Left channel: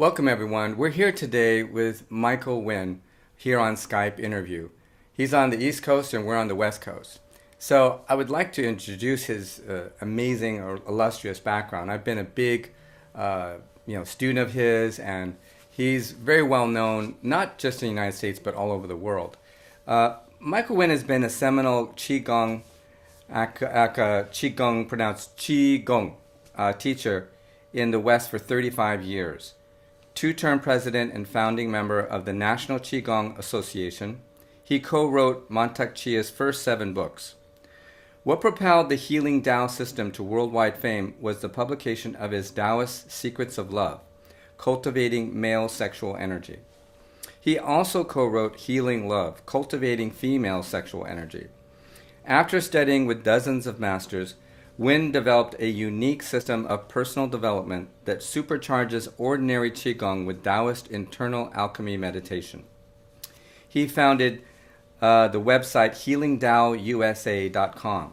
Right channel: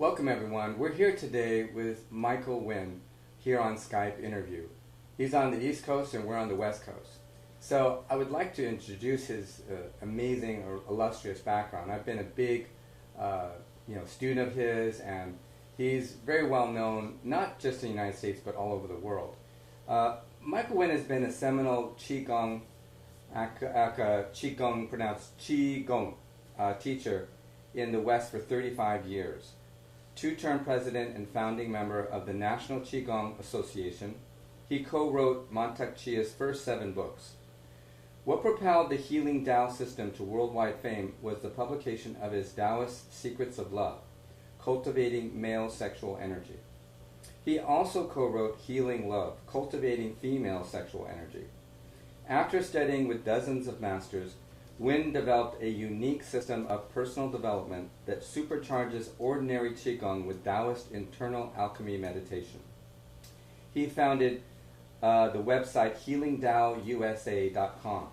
Welcome everyone. We're here today with Michael Winn here on Skype interview. He's on the East Coast and we're on the West Coast. So I would like to introduce his amazing or illustrious background. I've been a big student of his, and he's very well known not just in the United States but all over the world. Michael Winn has been a seminal Qigong, Qigong pronounced Qigong, teacher in the West for 35 years. Two-term president and founding member of the National Qigong Association, he co-wrote Mantak Chia's first 7 books. What propelled the healing Tao system to worldwide fame was the publication of his Taoist Secrets of Love, Cultivating Male Sexual Energy. He also co-wrote Healing Love, Cultivating Female Sexual Energy. After studying with dozens of masters, Winn developed a unique system of personal development that supercharges ordinary Qigong with Taoist internal alchemy meditation. He founded the website healingtaousa.com,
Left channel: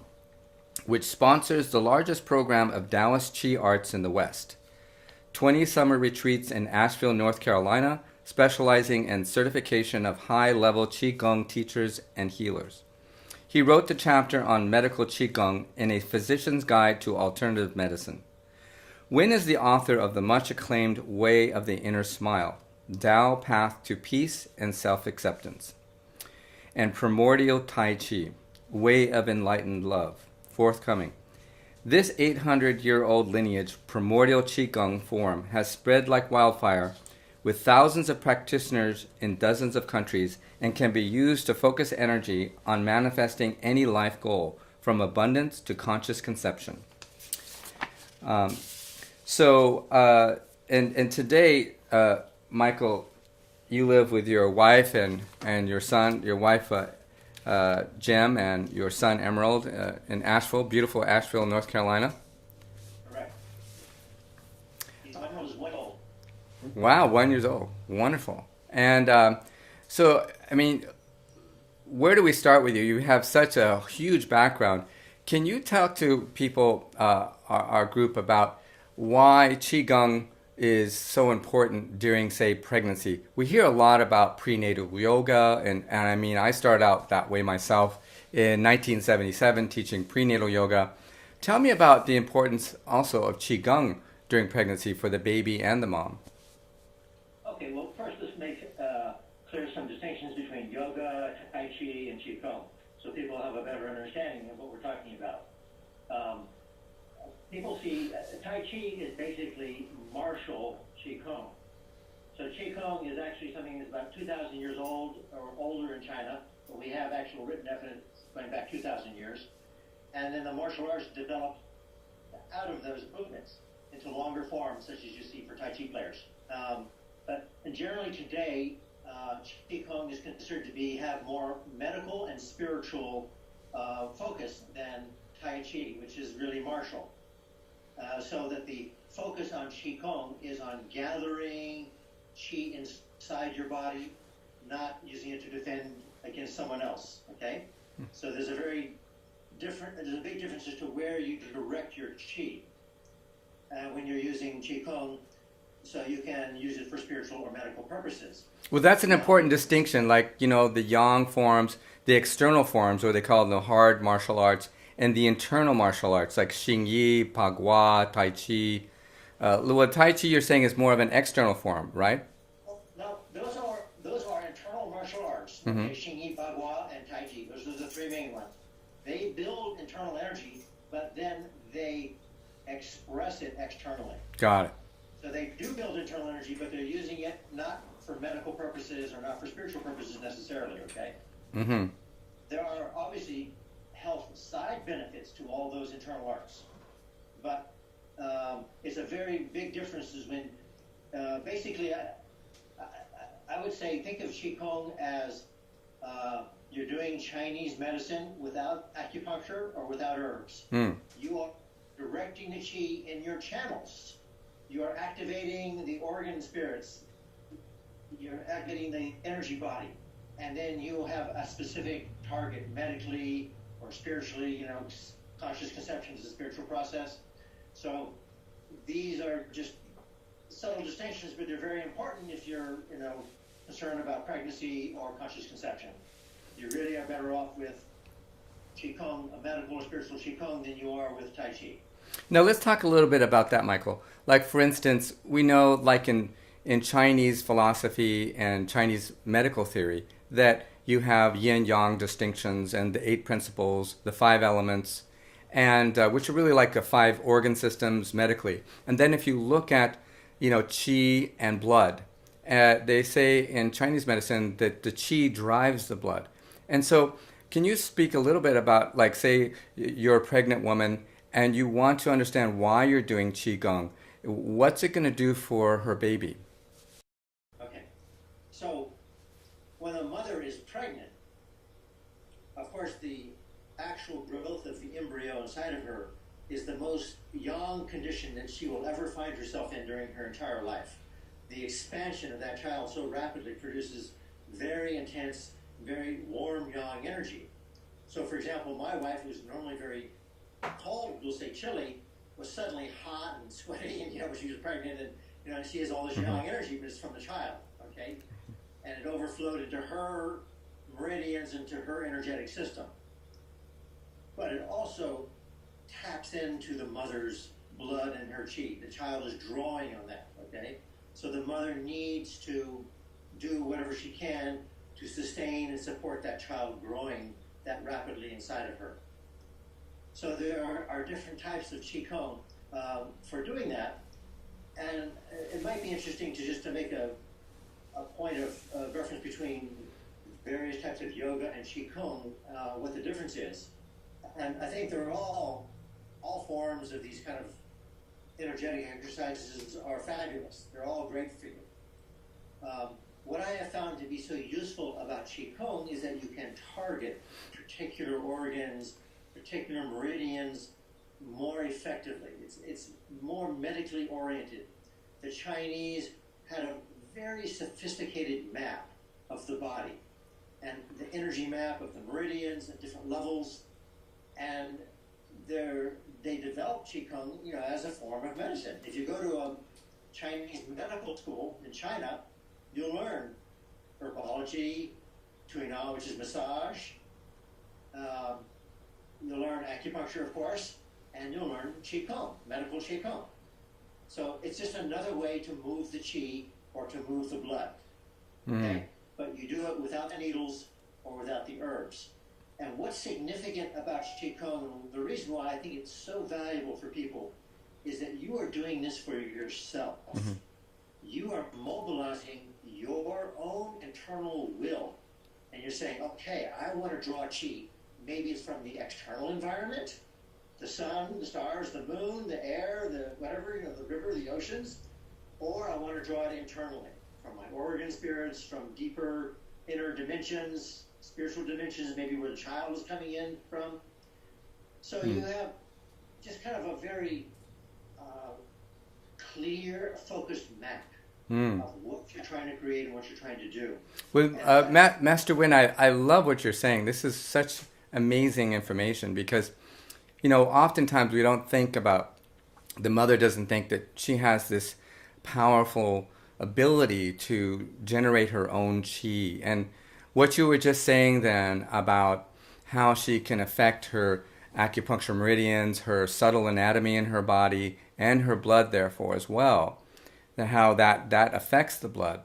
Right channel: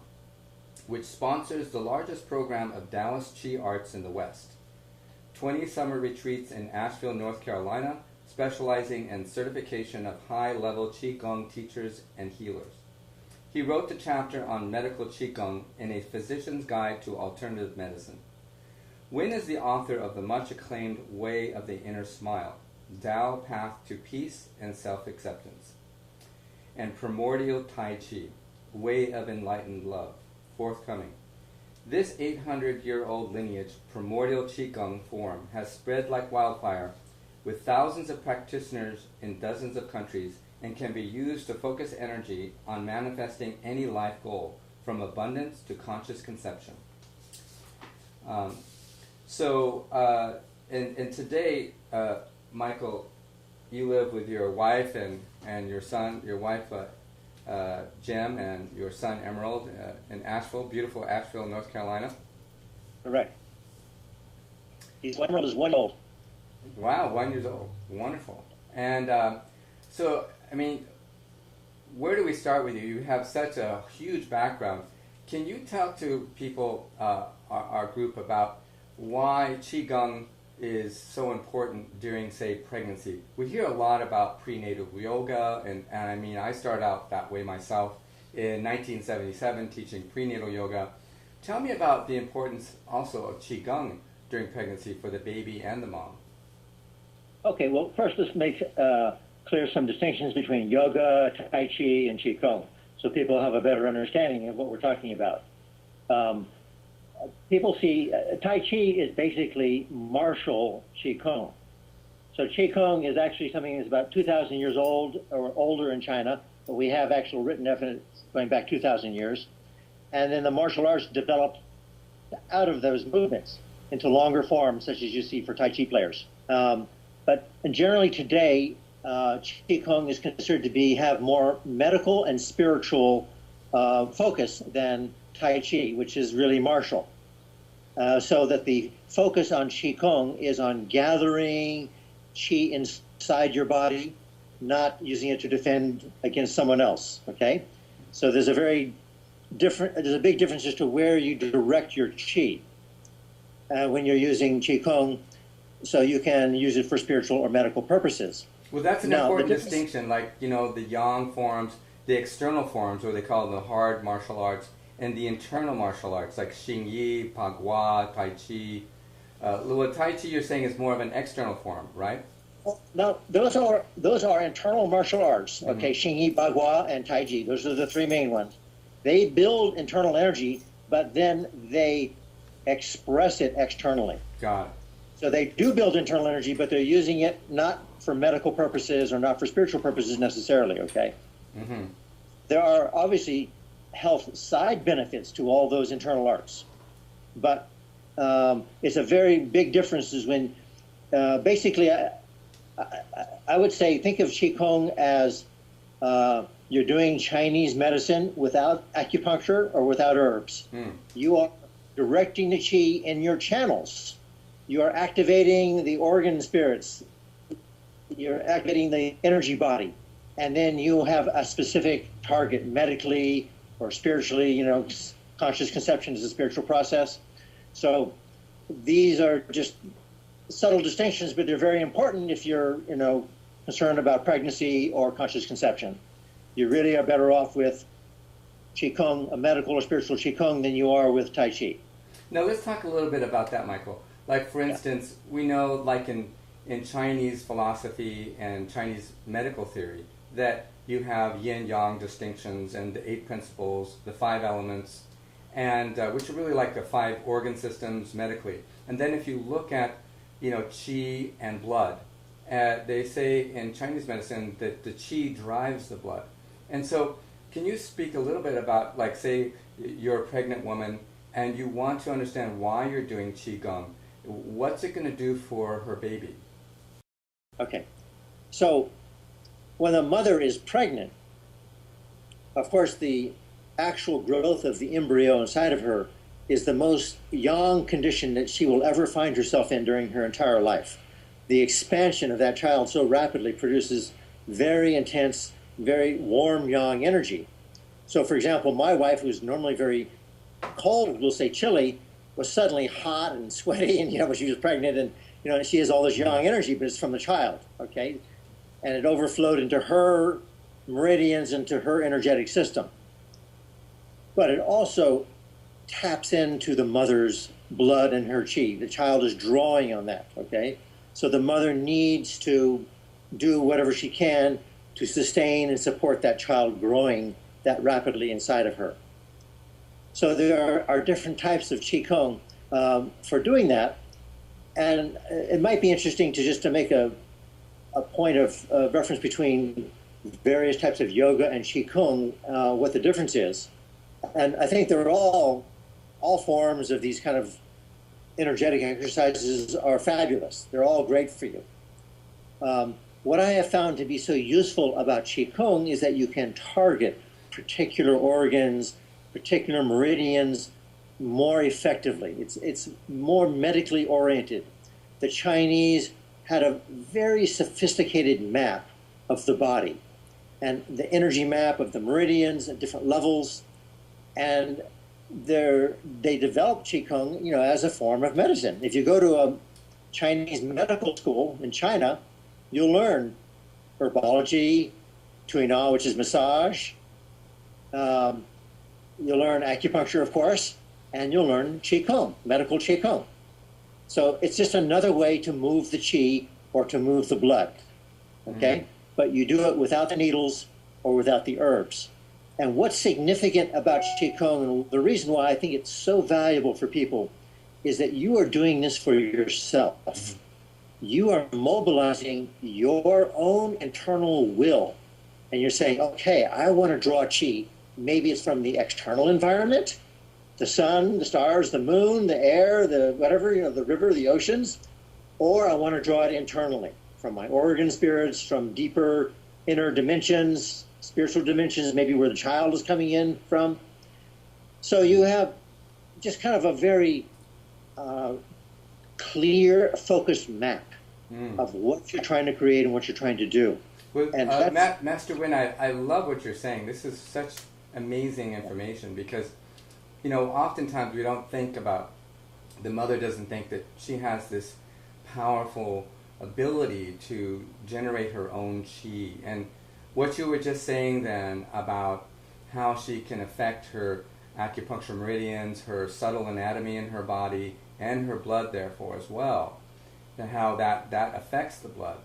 which sponsors the largest program of Taoist Qi arts in the West. 20 summer retreats in Asheville, North Carolina, specializing in certification of high-level Qigong teachers and healers. He wrote the chapter on medical Qigong in A Physician's Guide to Alternative Medicine. Winn is the author of the much-acclaimed Way of the Inner Smile, Tao Path to Peace and Self-Acceptance, and Primordial Tai Chi, Way of Enlightened Love, forthcoming. This 800-year-old lineage, Primordial Qigong form, has spread like wildfire with thousands of practitioners in dozens of countries, and can be used to focus energy on manifesting any life goal, from abundance to conscious conception. And today, Michael, you live with your wife and your son, your wife Jem, and your son Emerald in Asheville, beautiful Asheville, North Carolina. Correct. Emerald is 1 year old. Wow, 1 year old. Wonderful. And so, I mean, where do we start with you? You have such a huge background. Can you talk to people, our group, about why Qigong is so important during, say, pregnancy? We hear a lot about prenatal yoga, and I mean, I started out that way myself in 1977 teaching prenatal yoga. Tell me about the importance also of Qigong during pregnancy for the baby and the mom. Okay, well, first let's make clear some distinctions between yoga, Tai Chi, and Qigong, so people have a better understanding of what we're talking about. People see Tai Chi is basically martial Qigong. So Qigong is actually something that's about 2,000 years old or older in China, but we have actual written evidence going back 2,000 years. And then the martial arts developed out of those movements into longer forms, such as you see for Tai Chi players. But generally today, Qigong is considered to have more medical and spiritual focus than Tai Chi, which is really martial. So that the focus on Qigong is on gathering Qi inside your body, not using it to defend against someone else, okay? So there's a big difference as to where you direct your Qi when you're using Qigong, so you can use it for spiritual or medical purposes. Well, that's an important distinction, like, you know, the yang forms, the external forms, or they call them the hard martial arts, and the internal martial arts, like Xingyi, Pagua, Tai Chi. Well, Tai Chi you're saying is more of an external form, right? No, those are internal martial arts, okay? Xingyi, Bagua, and Tai Chi. Those are the 3 main ones. They build internal energy, but then they express it externally. Got it. So they do build internal energy, but they're using it not for medical purposes or not for spiritual purposes necessarily, okay? Mm-hmm. There are obviously health side benefits to all those internal arts, but it's a very big difference is when basically I would say think of Qigong as you're doing Chinese medicine without acupuncture or without herbs. You are directing the Qi in your channels. You are activating the organ spirits. You're activating the energy body. And then you have a specific target medically or spiritually, you know, conscious conception is a spiritual process. So these are just subtle distinctions, but they're very important if you're, concerned about pregnancy or conscious conception. You really are better off with Qigong, a medical or spiritual Qigong, than you are with Tai Chi. Now let's talk a little bit about that, Michael. Like for instance, we know like in Chinese philosophy and Chinese medical theory that you have yin-yang distinctions and the 8 principles, the 5 elements, and which are really like the 5 organ systems medically. And then if you look at, qi and blood, they say in Chinese medicine that the qi drives the blood. And so can you speak a little bit about, like, say you're a pregnant woman and you want to understand why you're doing Qigong. What's it going to do for her baby? Okay. So when the mother is pregnant, of course, the actual growth of the embryo inside of her is the most yang condition that she will ever find herself in during her entire life. The expansion of that child so rapidly produces very intense, very warm yang energy. So for example, my wife, who's normally very cold, we'll say chilly, was suddenly hot and sweaty, and when she was pregnant, and she has all this yang energy, but it's from the child, okay? And it overflowed into her meridians, into her energetic system. But it also taps into the mother's blood and her qi. The child is drawing on that, okay? So the mother needs to do whatever she can to sustain and support that child growing that rapidly inside of her. So there are different types of Qigong for doing that. And it might be interesting to make a point of reference between various types of yoga and Qigong, what the difference is. And I think they're all forms of these kind of energetic exercises are fabulous. They're all great for you. What I have found to be so useful about Qigong is that you can target particular organs, particular meridians more effectively. It's more medically oriented. The Chinese had a very sophisticated map of the body and the energy map of the meridians at different levels. And they developed Qigong, as a form of medicine. If you go to a Chinese medical school in China, you'll learn herbology, Tuina, which is massage. You'll learn acupuncture, of course, and you'll learn Qigong, medical Qigong. So it's just another way to move the qi or to move the blood, okay? But you do it without the needles or without the herbs. And what's significant about Qigong, and the reason why I think it's so valuable for people, is that you are doing this for yourself. You are mobilizing your own internal will. And you're saying, okay, I want to draw qi. Maybe it's from the external environment, the sun, the stars, the moon, the air, the whatever, the river, the oceans, or I want to draw it internally from my organ spirits, from deeper inner dimensions, spiritual dimensions, maybe where the child is coming in from. So you have just kind of a very clear, focused map of what you're trying to create and what you're trying to do. Well, Master Winn, I love what you're saying. This is such amazing information because, oftentimes we don't think about, the mother doesn't think that she has this powerful ability to generate her own qi. And what you were just saying then about how she can affect her acupuncture meridians, her subtle anatomy in her body, and her blood therefore as well, how that affects the blood.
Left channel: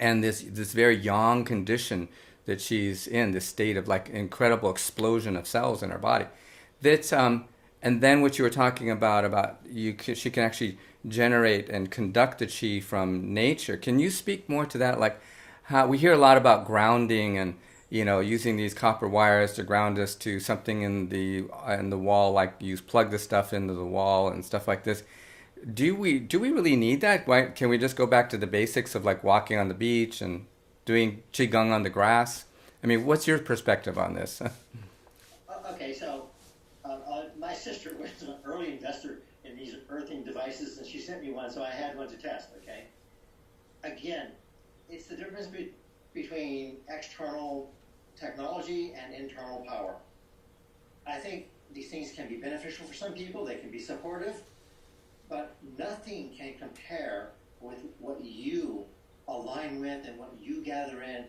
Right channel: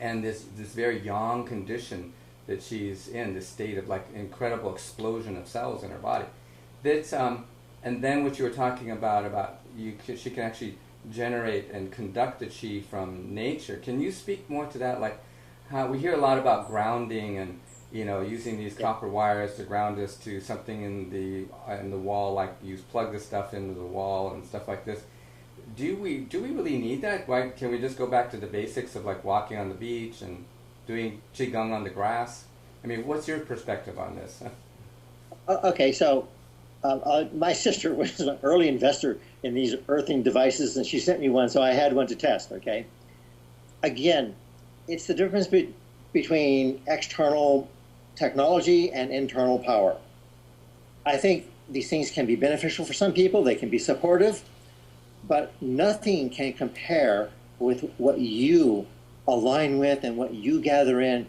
And this very yang condition that she's in, this state of like incredible explosion of cells in her body. That's and then what you were talking about she can actually generate and conduct the qi from nature. Can you speak more to that? Like how we hear a lot about grounding and using these copper wires to ground us to something in the wall, like you plug this stuff into the wall and stuff like this. Do we really need that? Why can we just go back to the basics of like walking on the beach and doing qigong on the grass? I mean, what's your perspective on this? Okay, so my sister was an early investor in these earthing devices, and she sent me one, so I had one to test. Okay, again, it's the difference between external technology and internal power. I think these things can be beneficial for some people. They can be supportive. But nothing can compare with what you align with and what you gather in.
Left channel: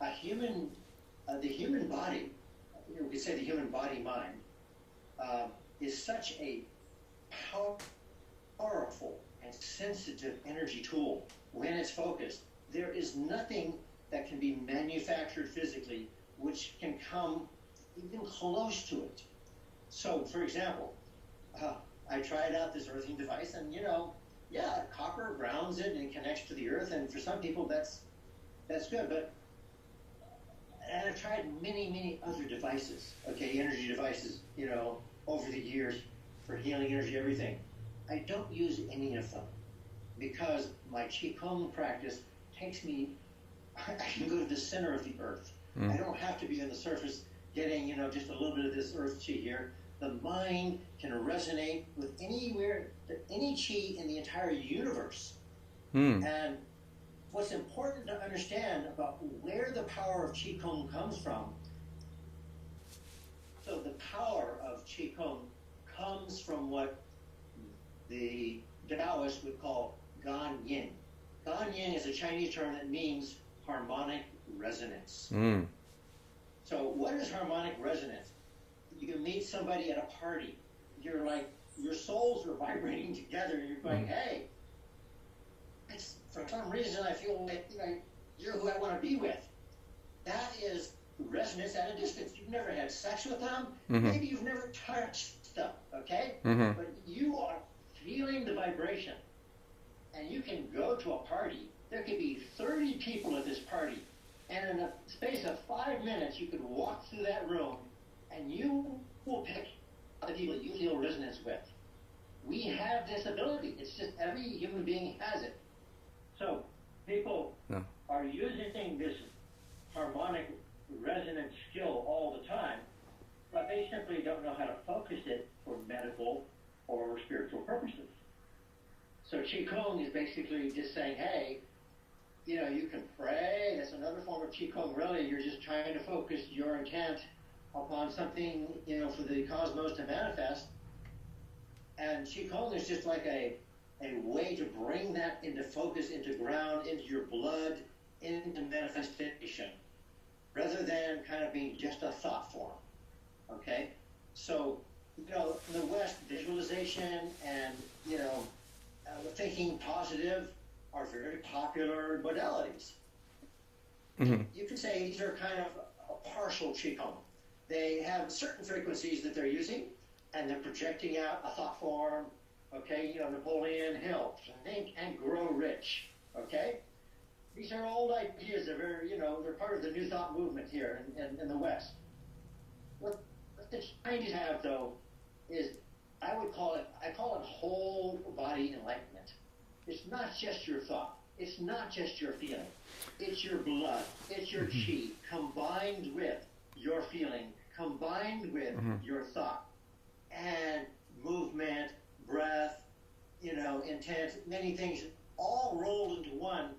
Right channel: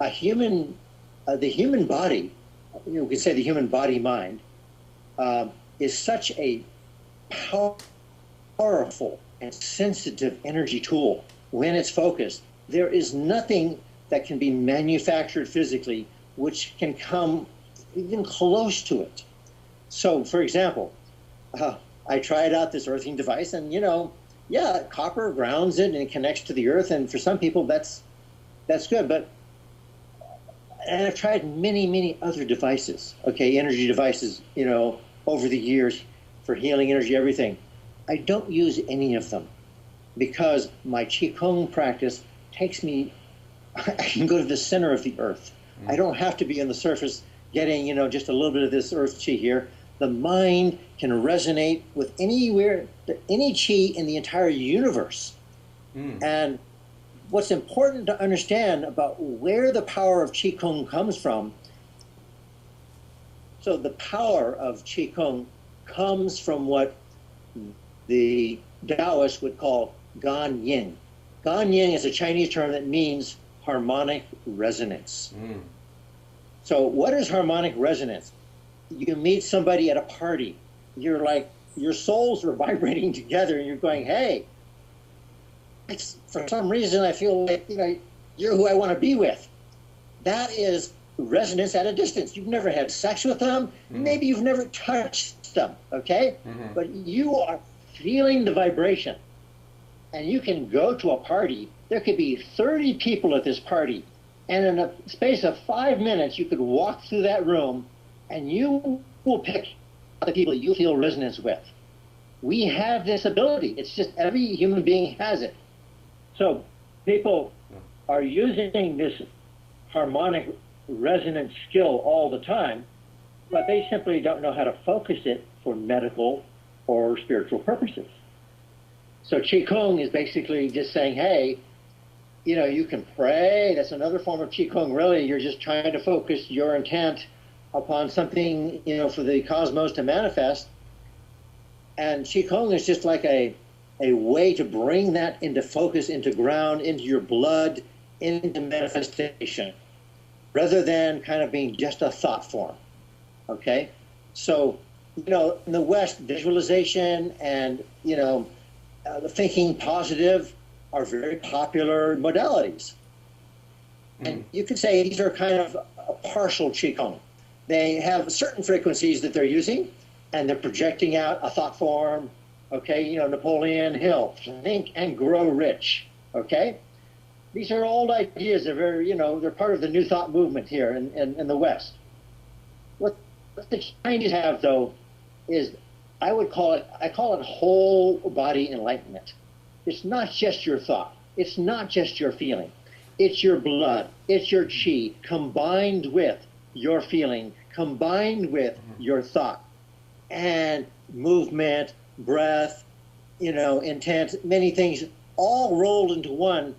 A human, the human body, you could say the human body mind, is such a powerful and sensitive energy tool when it's focused. There is nothing that can be manufactured physically which can come even close to it. So, for example, I tried out this earthing device, and yeah, copper grounds it and it connects to the earth, and for some people that's good. And I've tried many other devices, okay, energy devices, over the years for healing energy, everything. I don't use any of them because my Qigong practice takes me, I can go to the center of the earth. I don't have to be on the surface getting, just a little bit of this earth Qi here. The mind can resonate with any Qi in the entire universe. And what's important to understand about where the power of Qigong comes from, so the power of Qigong comes from what the Taoists would call Gan Yin. Gan Yin is a Chinese term that means harmonic resonance. So what is harmonic resonance? You meet somebody at a party. You're like, your souls are vibrating together and you're going, hey, for some reason I feel like you're who I want to be with. That is resonance at a distance. You've never had sex with them. Maybe you've never touched them, okay? But you are feeling the vibration. And you can go to a party. There could be 30 people at this party. And in a space of 5 minutes, you could walk through that room and you will pick the people that you feel resonance with. We have this ability. It's just every human being has it. So people are using this harmonic resonance skill all the time, but they simply don't know how to focus it for medical or spiritual purposes. So Qigong is basically just saying, hey, you can pray. That's another form of Qigong, really. You're just trying to focus your intent upon something, for the cosmos to manifest. And Qigong is just like a way to bring that into focus, into ground, into your blood, into manifestation, rather than kind of being just a thought form, okay? So, in the West, visualization and, thinking positive are very popular modalities. And you could say these are kind of a partial Qigong. They have certain frequencies that they're using, and they're projecting out a thought form, okay? Napoleon Hill, think and grow rich, okay? These are old ideas. They're very, they're part of the New Thought movement here in the West. What the Chinese have, though, is I call it whole body enlightenment. It's not just your thought. It's not just your feeling. It's your blood. It's your Qi combined with your feeling, combined with your thought, and movement, breath, intent, many things all rolled into one.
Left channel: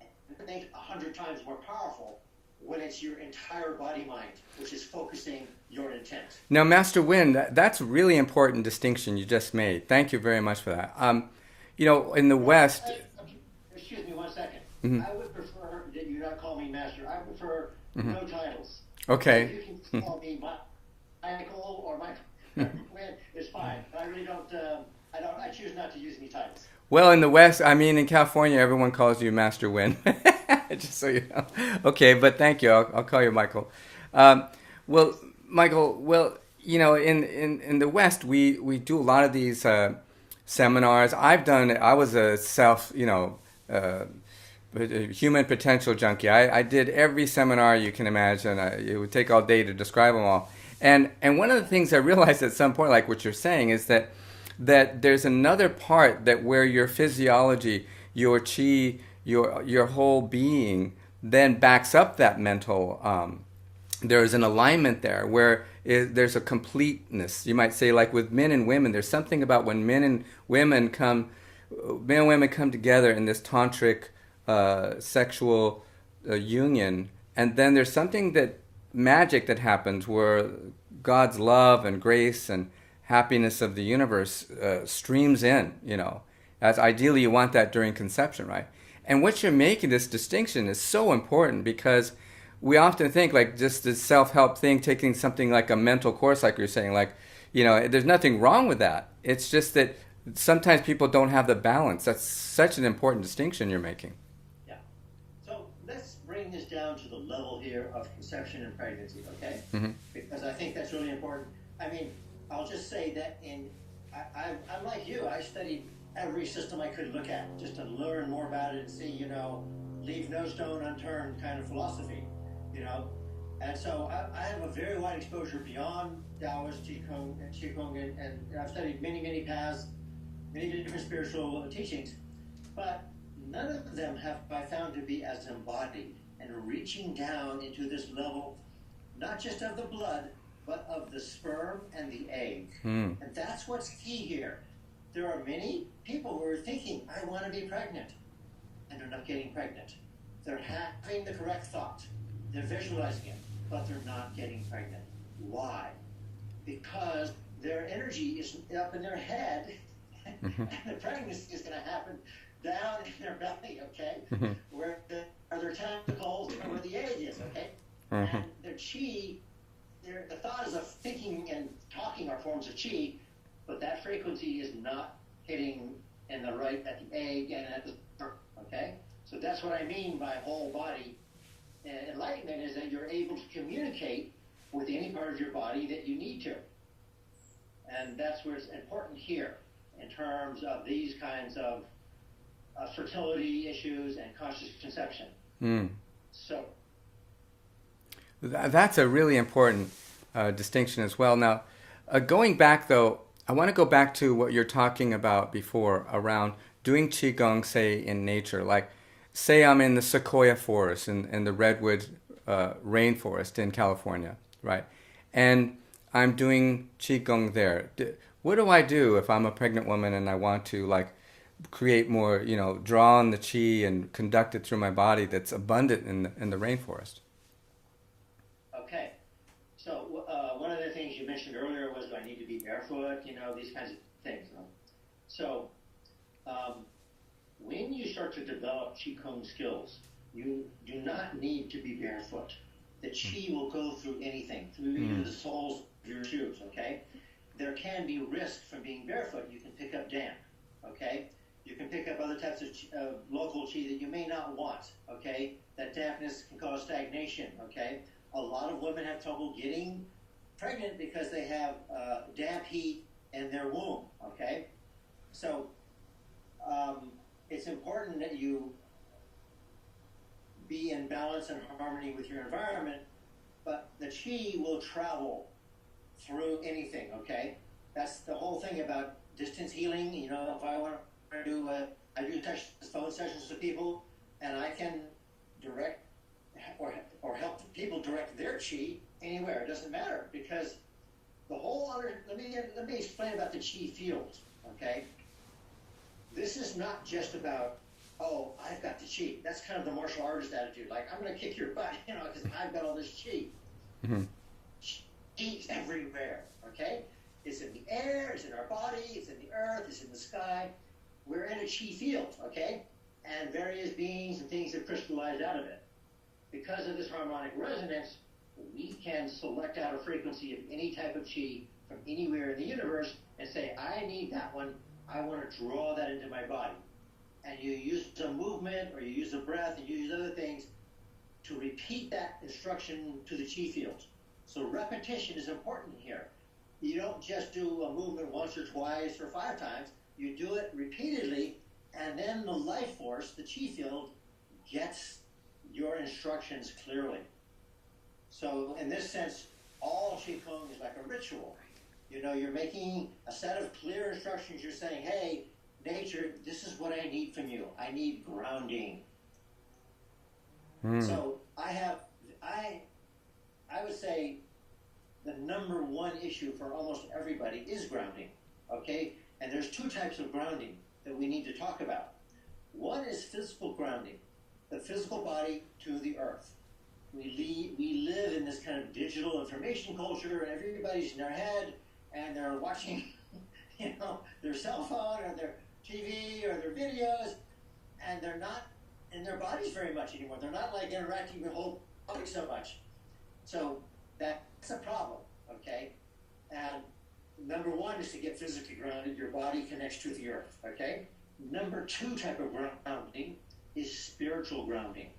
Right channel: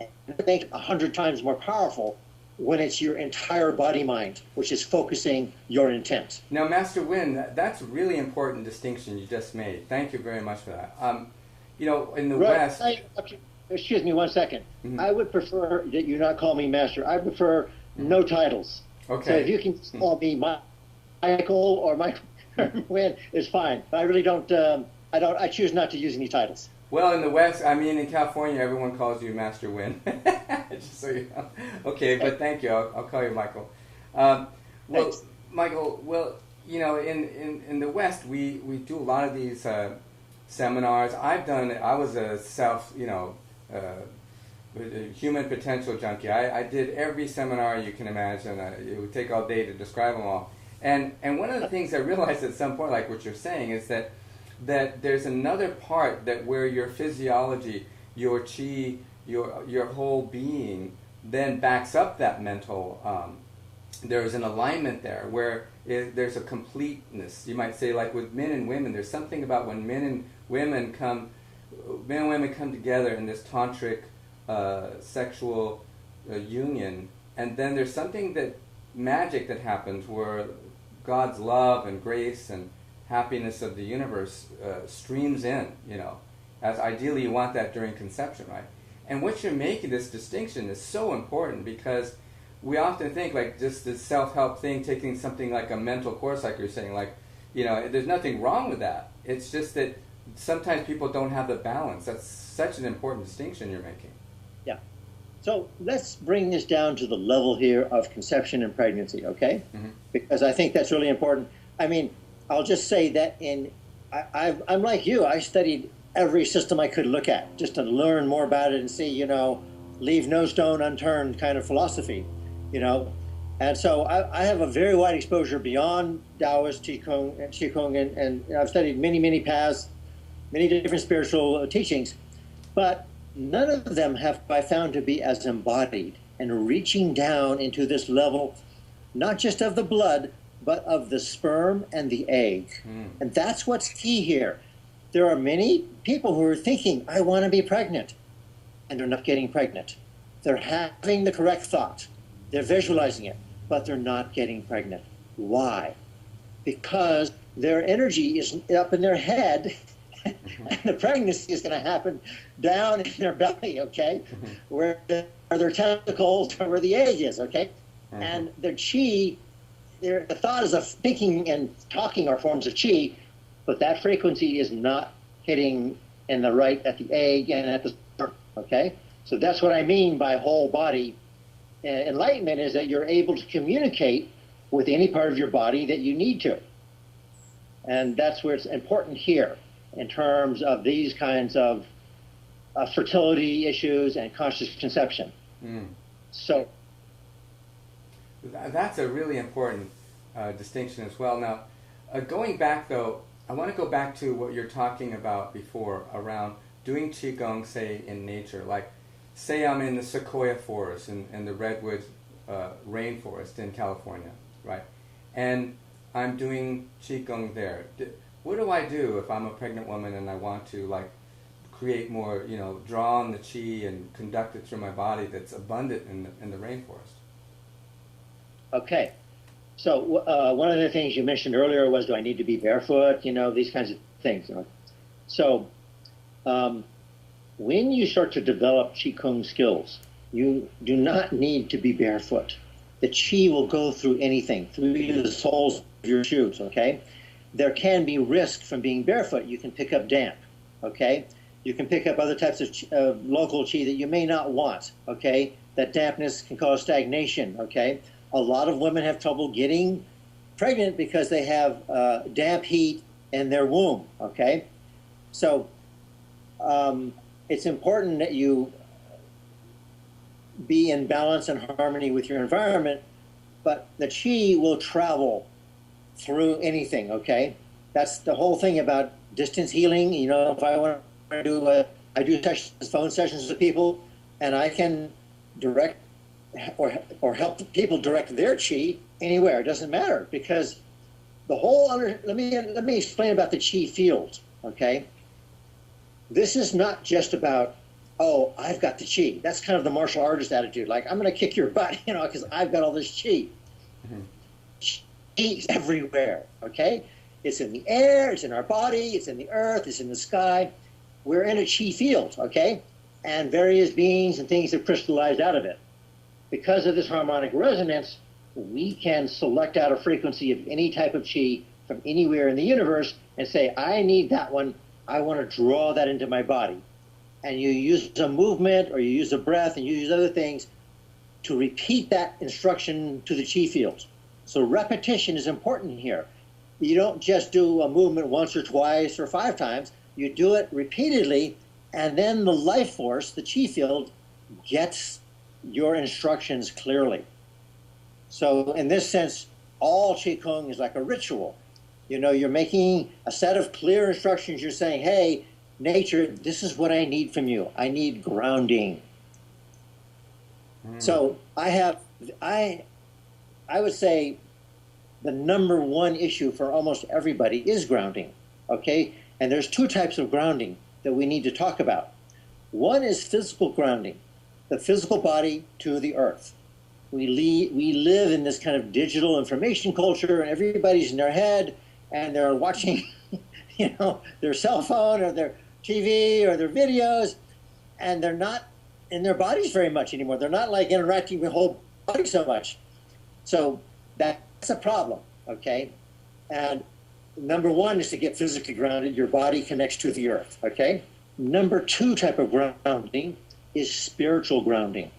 It makes 100 times more powerful when it's your entire body mind, which is focusing your intent. Now, Master Winn, that's a really important distinction you just made. Thank you very much for that. In the West... Excuse me 1 second. I would prefer that you not call me Master. I prefer no titles. Okay. So if you can call me Michael or Michael Winn, is fine. I really don't, I choose not to use any titles. Well, in the West, in California, everyone calls you Master Winn. Just so you know. Okay, but thank you. I'll call you Michael. Michael, in the West, we do a lot of these seminars. I was a human potential junkie. I did every seminar you can imagine. It would take all day to describe them all. And one of the things I realized at some point, like what you're saying, is that there's another part that where your physiology, your Qi, your whole being then backs up that mental. There's an alignment there where there's a completeness. You might say, like with men and women, there's something about when men and women come together in this tantric sexual union, and then there's something magic that happens where God's love and grace and happiness of the universe streams in, As ideally, you want that during conception, right? And what you're making, this distinction, is so important because we often think like just this self-help thing, taking something like a mental course, like you're saying, like, there's nothing wrong with that. It's just that sometimes people don't have the balance. That's such an important distinction you're making. Yeah. So let's bring this down to the level here of conception and pregnancy, okay? Mm-hmm. Because I think that's really important. I mean, I'll just say that I'm like you. I studied every system I could look at just to learn more about it and see, leave no stone unturned kind of philosophy, And so I have a very wide exposure beyond Taoist, Qigong, and I've studied many, many paths, many different spiritual teachings, but none of them have I found to be as embodied and reaching down into this level, not just of the blood, but of the sperm and the egg. And that's what's key here. There are many people who are thinking, I want to be pregnant, and they're not getting pregnant. They're having the correct thought. They're visualizing it, but they're not getting pregnant. Why? Because their energy is up in their head, and the pregnancy is going to happen down in their belly, okay? Where are their testicles, where the egg is, okay? And their chi, the thought is of thinking and talking are forms of chi, but that frequency is not hitting in the right at the egg and at the sperm, okay? So that's what I mean by whole body enlightenment, is that you're able to communicate with any part of your body that you need to. And that's where it's important here in terms of these kinds of fertility issues and conscious conception. So that's a really important distinction as well. Now, going back though, I want to go back to what you're talking about before around doing Qigong, say, in nature. Like, say I'm in the sequoia forest and the redwood rainforest in California, right? And I'm doing Qigong there. What do I do if I'm a pregnant woman and I want to, like, create more, draw on the Qi and conduct it through my body that's abundant in the rainforest? Okay. So one of the things you mentioned earlier was, do I need to be barefoot? These kinds of things. So when you start to develop Qigong skills, you do not need to be barefoot. The Qi will go through anything, through the soles of your shoes, okay? There can be risk from being barefoot. You can pick up damp, okay? You can pick up other types of local Qi that you may not want, okay? That dampness can cause stagnation, okay? A lot of women have trouble getting pregnant because they have damp heat in their womb, okay? So it's important that you be in balance and harmony with your environment, but the Qi will travel through anything, okay? That's the whole thing about distance healing. If I want to do, I do phone sessions with people, and I can direct or help people direct their Qi anywhere. It doesn't matter, because the whole let me explain about the Qi field, okay? This is not just about, oh, I've got the Qi. That's kind of the martial artist attitude. Like, I'm going to kick your butt, because I've got all this Qi. Qi's everywhere, okay? It's in the air, it's in our body, it's in the earth, it's in the sky. We're in a Qi field, okay? And various beings and things have crystallized out of it. Because of this harmonic resonance, we can select out a frequency of any type of Qi from anywhere in the universe and say, I need that one. I want to draw that into my body. And you use a movement, or you use a breath, and you use other things to repeat that instruction to the Qi field. So repetition is important here. You don't just do a movement once or twice or 5 times. You do it repeatedly, and then the life force, the Qi field, gets your instructions clearly. So in this sense, all Qigong is like a ritual. You're making a set of clear instructions. You're saying, hey, nature, this is what I need from you. I need grounding. So I would say the number one issue for almost everybody is grounding, okay? And there's 2 types of grounding that we need to talk about. One is physical grounding, the physical body to the earth. We live in this kind of digital information culture, and everybody's in their head, and they're watching, their cell phone, or TV or their videos, and they're not in their bodies very much anymore. They're not like interacting with the whole body so much. So that's a problem, okay? And number one is to get physically grounded. Your body connects to the earth, okay? Number two type of grounding is spiritual grounding.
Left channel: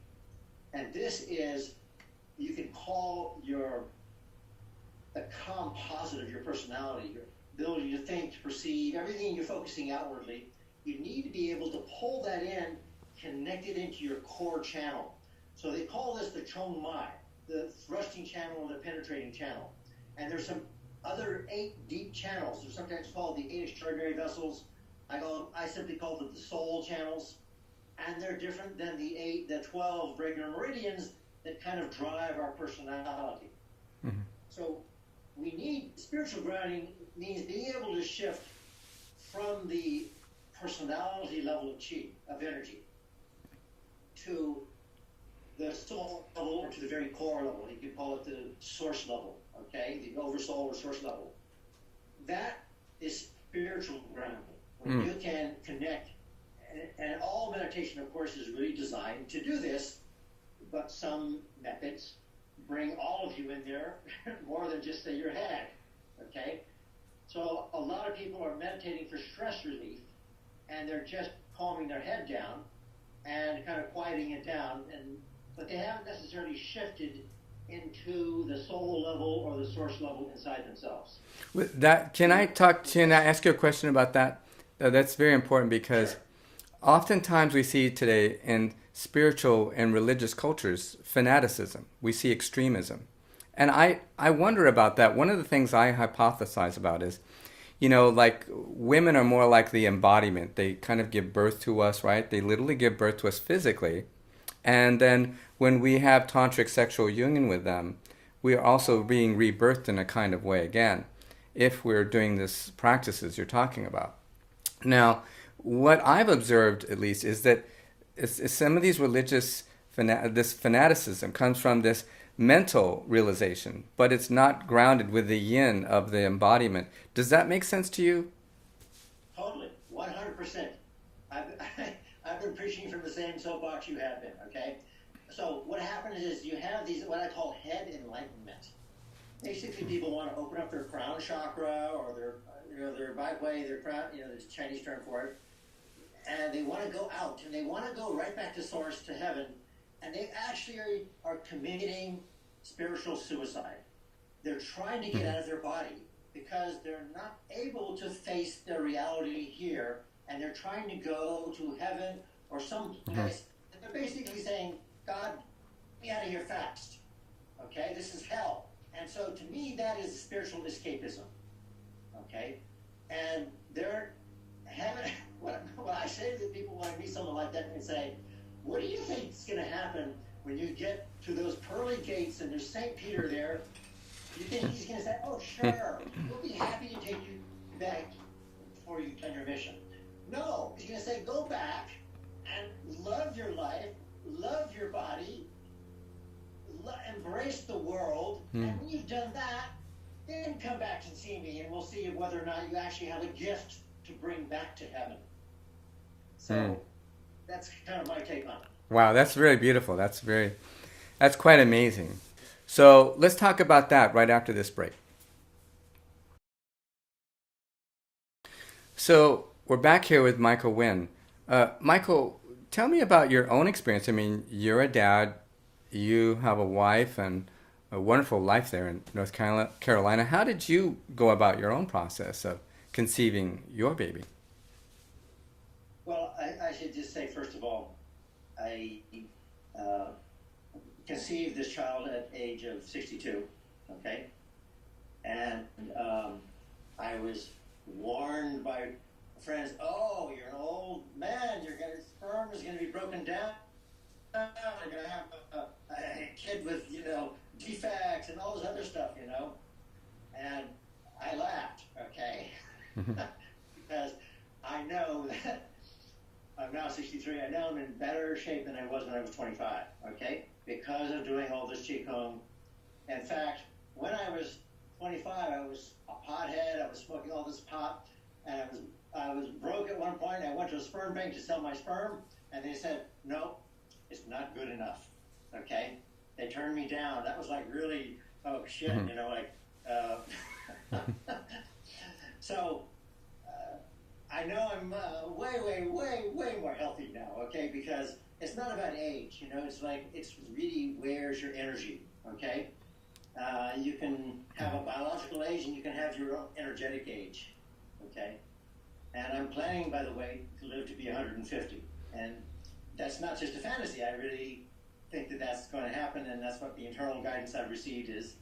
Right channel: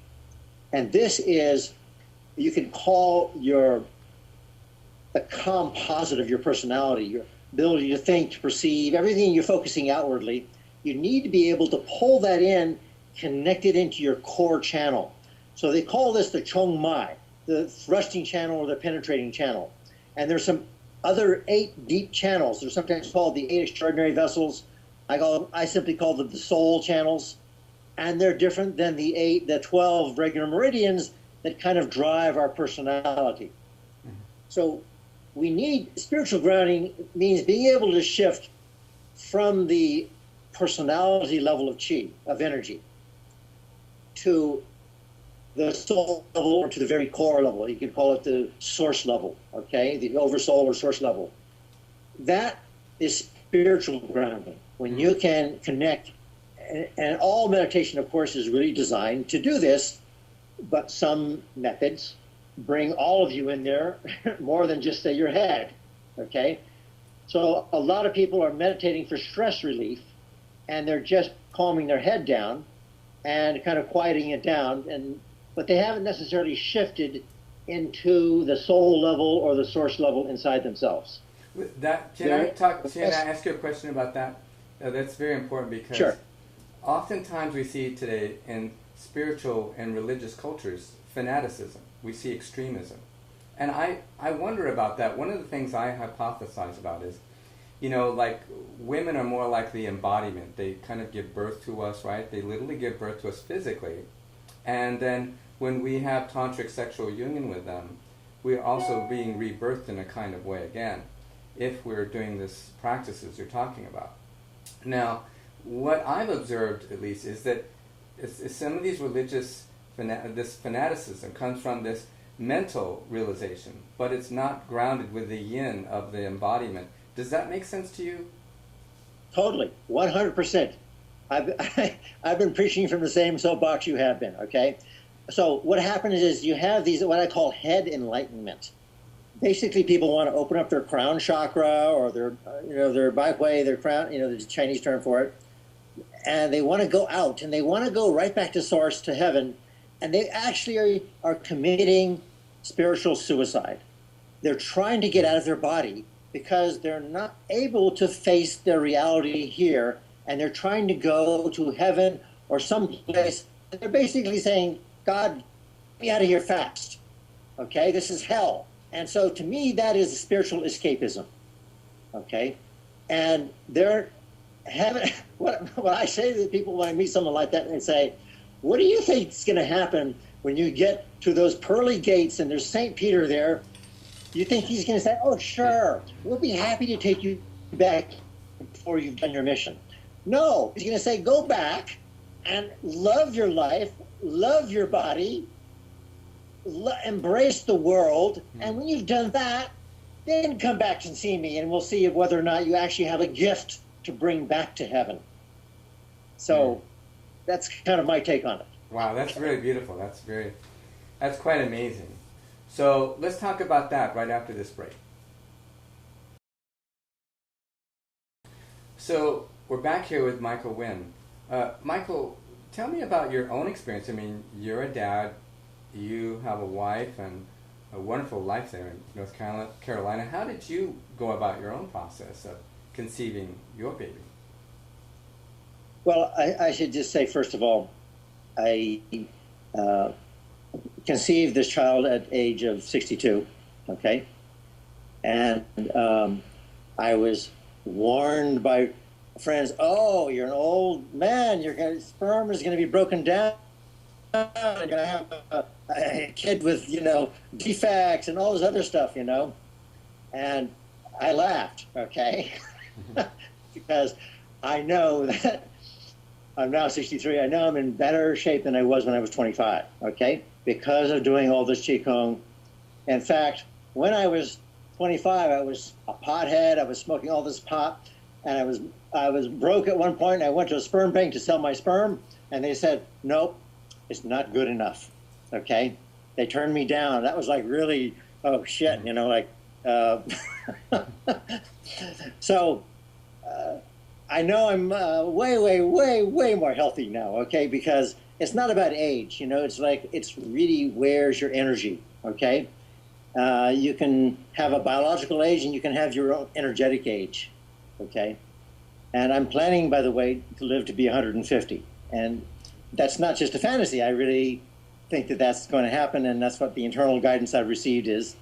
And this is, you can call the composite of your personality, your ability to think, to perceive, everything you're focusing outwardly. You need to be able to pull that in, connect it into your core channel. So they call this the Chong Mai, the thrusting channel or the penetrating channel. And there's some other 8 deep channels. They're sometimes called the 8 extraordinary vessels. I simply call them the soul channels. And they're different than the 12 regular meridians that kind of drive our personality. Mm-hmm. So we need spiritual grounding means being able to shift from the personality level of chi, of energy, to the soul level or to the very core level. You could call it the source level, okay? The oversoul or source level. That is spiritual grounding. When you can connect, and all meditation, of course, is really designed to do this, but some methods bring all of you in there more than just your head, okay? So a lot of people are meditating for stress relief, and they're just calming their head down and kind of quieting it down, but they haven't necessarily shifted into the soul level or the source level inside themselves. With that, can I ask you a question about that? That's very important because sure. Oftentimes we see today in spiritual and religious cultures fanaticism. We see extremism. And I wonder about that. One of the things I hypothesize about is, like women are more like the embodiment. They kind of give birth to us, right? They literally give birth to us physically. And then when we have tantric sexual union with them, we are also being rebirthed in a kind of way again, if we're doing this practices you're talking about. Now, what I've observed, at least, is that some of these religious, this fanaticism comes from this mental realization, but it's not grounded with the yin of the embodiment. Does that make sense to you? Totally, 100%. I've been preaching from the same soapbox you have been, okay? So what happens is you have these, what I call head enlightenment. Basically, people want to open up their crown chakra or their baihui, their crown, the Chinese term for it. And they want to go out, and they want to go right back to source, to heaven, and they actually are committing spiritual suicide. They're trying to get out of their body because they're not able to face their reality here, and they're trying to go to heaven or someplace. They're basically saying, God, get me out of here fast. Okay, this is hell. And so to me, that is spiritual escapism. Okay, and they're having, what I say to people when I meet someone like that and say, what do you think is going to happen when you get to those pearly gates and there's St. Peter there? Do you think he's going to say, oh, sure, we'll be happy to take you back before you've done your mission? No, he's going to say, go back and love your life, love your body, embrace the world, and when you've done that, then come back and see me, and we'll see whether or not you actually have a gift to bring back to heaven. So that's kind of my take on it. Wow, that's very beautiful. That's quite amazing. So let's talk about that right after this break. So we're back here with Michael Winn. Michael, tell me about your own experience. I mean, you're a dad, you have a wife, and a wonderful life there in North Carolina. How did you go about your own process of conceiving your baby? Well, I should just say, first of all, I conceived this child at age of 62, okay? And I was warned by friends, oh, you're an old man, your sperm is going to be broken down, you're going to have a kid with, defects and all this other stuff, And I laughed, okay? Because I know that I'm now 63. I know I'm in better shape than I was when I was 25, okay? Because of doing all this Qigong. In fact, when I was 25, I was a pothead. I was smoking all this pot. and I was broke at one point. I went to a sperm bank to sell my sperm, and they said, nope, it's not good enough. Okay, they turned me down. That was like really, oh shit, you know, like. So I know I'm way more healthy now. Okay, because it's not about age. You know, it's like it's really where's your energy. Okay, you can have a biological age and you can have your own energetic age. Okay, and I'm planning, by the way, to live to be 150, and that's not just a fantasy. I really think that that's going to happen, and that's what the internal guidance I've received is.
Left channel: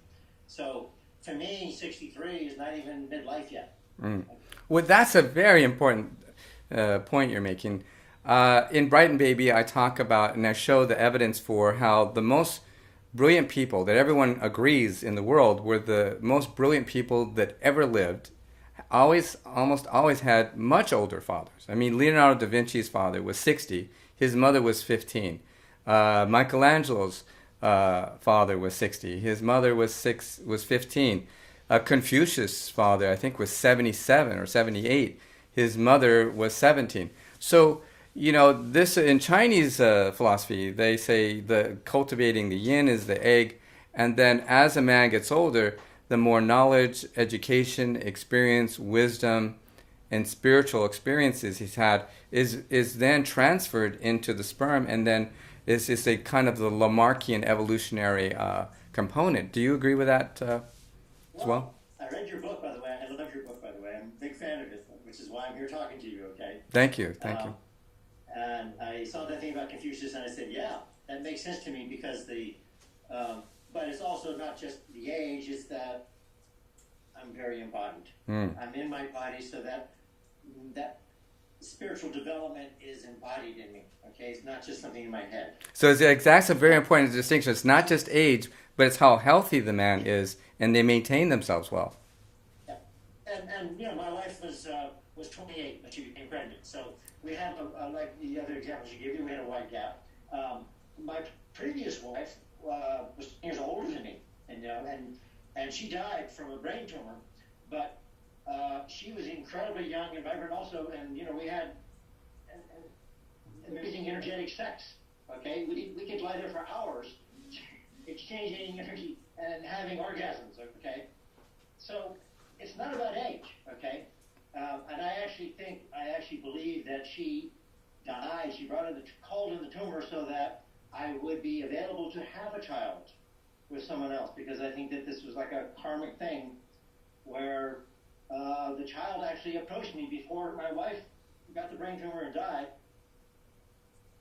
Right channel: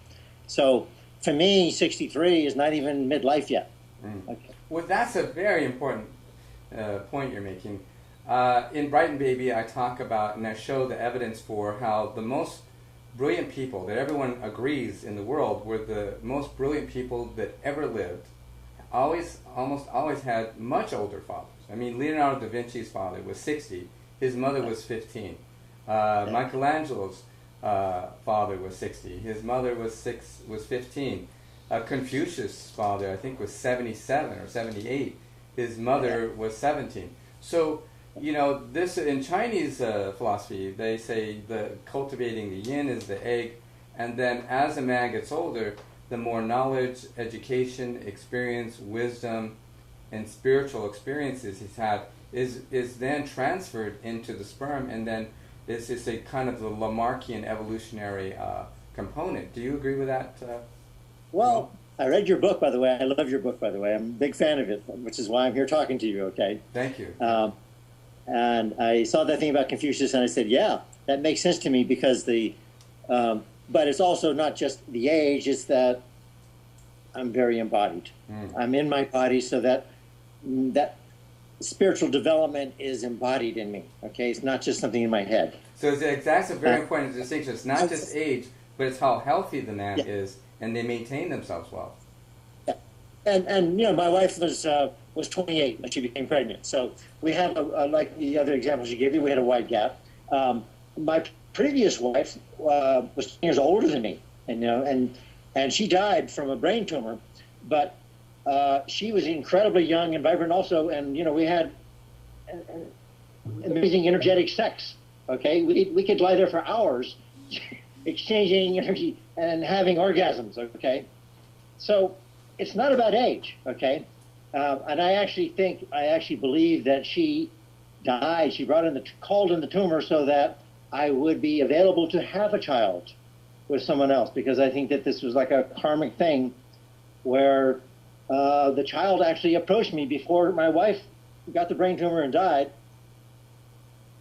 So for me, 63 is not even midlife yet. Okay. Well, that's a very important point you're making. In Brighton Baby, I talk about and I show the evidence for how the most brilliant people that everyone agrees in the world were the most brilliant people that ever lived. Almost always had much older fathers. I mean, Leonardo da Vinci's father was 60. His mother was 15. Michelangelo's father was 60. His mother was 15. Confucius' father, I think, was 77 or 78. His mother was 17. So, you know, this in Chinese philosophy, they say the cultivating the yin is the egg, and then as a man gets older, the more knowledge, education, experience, wisdom, and spiritual experiences he's had is then transferred into the sperm, and then is a kind of the Lamarckian evolutionary component. Do you agree with that? Well, I read your book, by the way. I love your book, by the way. I'm a big fan of it, which is why I'm here talking to you, okay? Thank you. Thank you. And I saw that thing about Confucius, and I said, yeah, that makes sense to me because but it's also not just the age, it's that I'm very embodied. I'm in my body, so that spiritual development is embodied in me, okay? It's not just something in my head. So that's a very important distinction. It's not just age, but it's how healthy the man is, and they maintain themselves well. Yeah. And you know, my wife was 28 when she became pregnant. So we had, like the other examples you gave me, we had a wide gap. My previous wife was 10 years older than me, and you know, and she died from a brain tumor, but she was incredibly young and vibrant also, and you know, we had amazing energetic sex. Okay, we could lie there for hours, exchanging energy and having orgasms. Okay, so it's not about age. Okay, and I actually believe that she died. She called in the tumor so that I would be available to have a child with someone else, because I think that this was like a karmic thing where the child actually approached me before my wife got the brain tumor and died,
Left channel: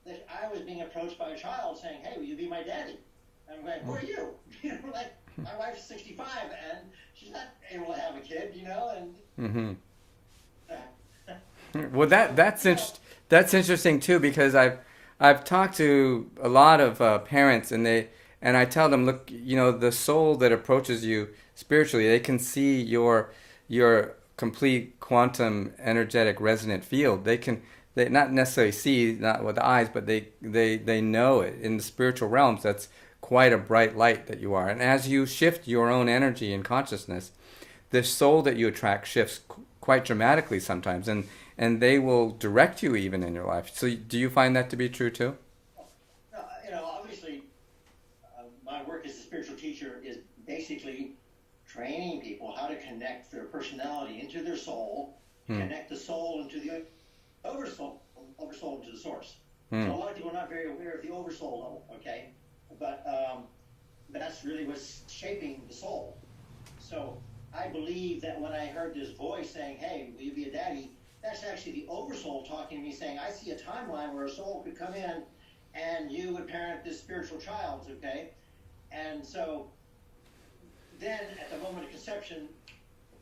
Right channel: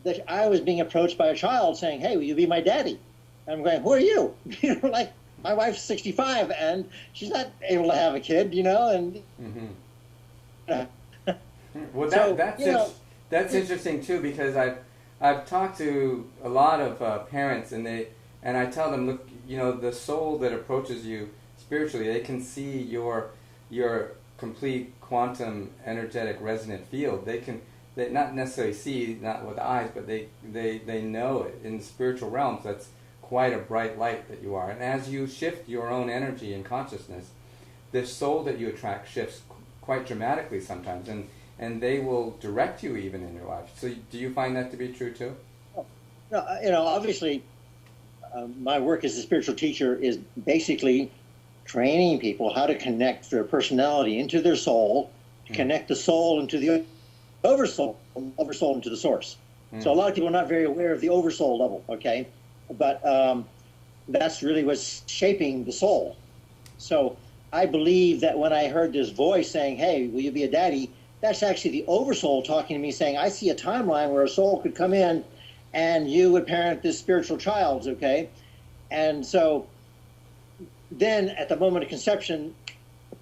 that I was being approached by a child saying, hey, will you be my daddy? And I'm going, who are you? You know, like, my wife's 65 and she's not able to have a kid, you know, and... Well, that's interesting too, because I've talked to a lot of parents, and I tell them, look, you know, the soul that approaches you spiritually, they can see your complete quantum energetic resonant field. They not necessarily see, not with the eyes, but they know it in the spiritual realms. That's quite a bright light that you are. And as you shift your own energy and consciousness, the soul that you attract shifts quite dramatically sometimes, and they will direct you even in your life. So do you find that to be true too? No, you know, obviously, my work as a spiritual teacher is basically training people how to connect their personality into their soul, to connect the soul into the oversoul, oversoul into the source. So a lot of people are not very aware of the oversoul level, okay? But that's really what's shaping the soul. So I believe that when I heard this voice saying, hey, will you be a daddy? That's actually the oversoul talking to me saying, I see a timeline where a soul could come in and you would parent this spiritual child, okay? And so then at the moment of conception,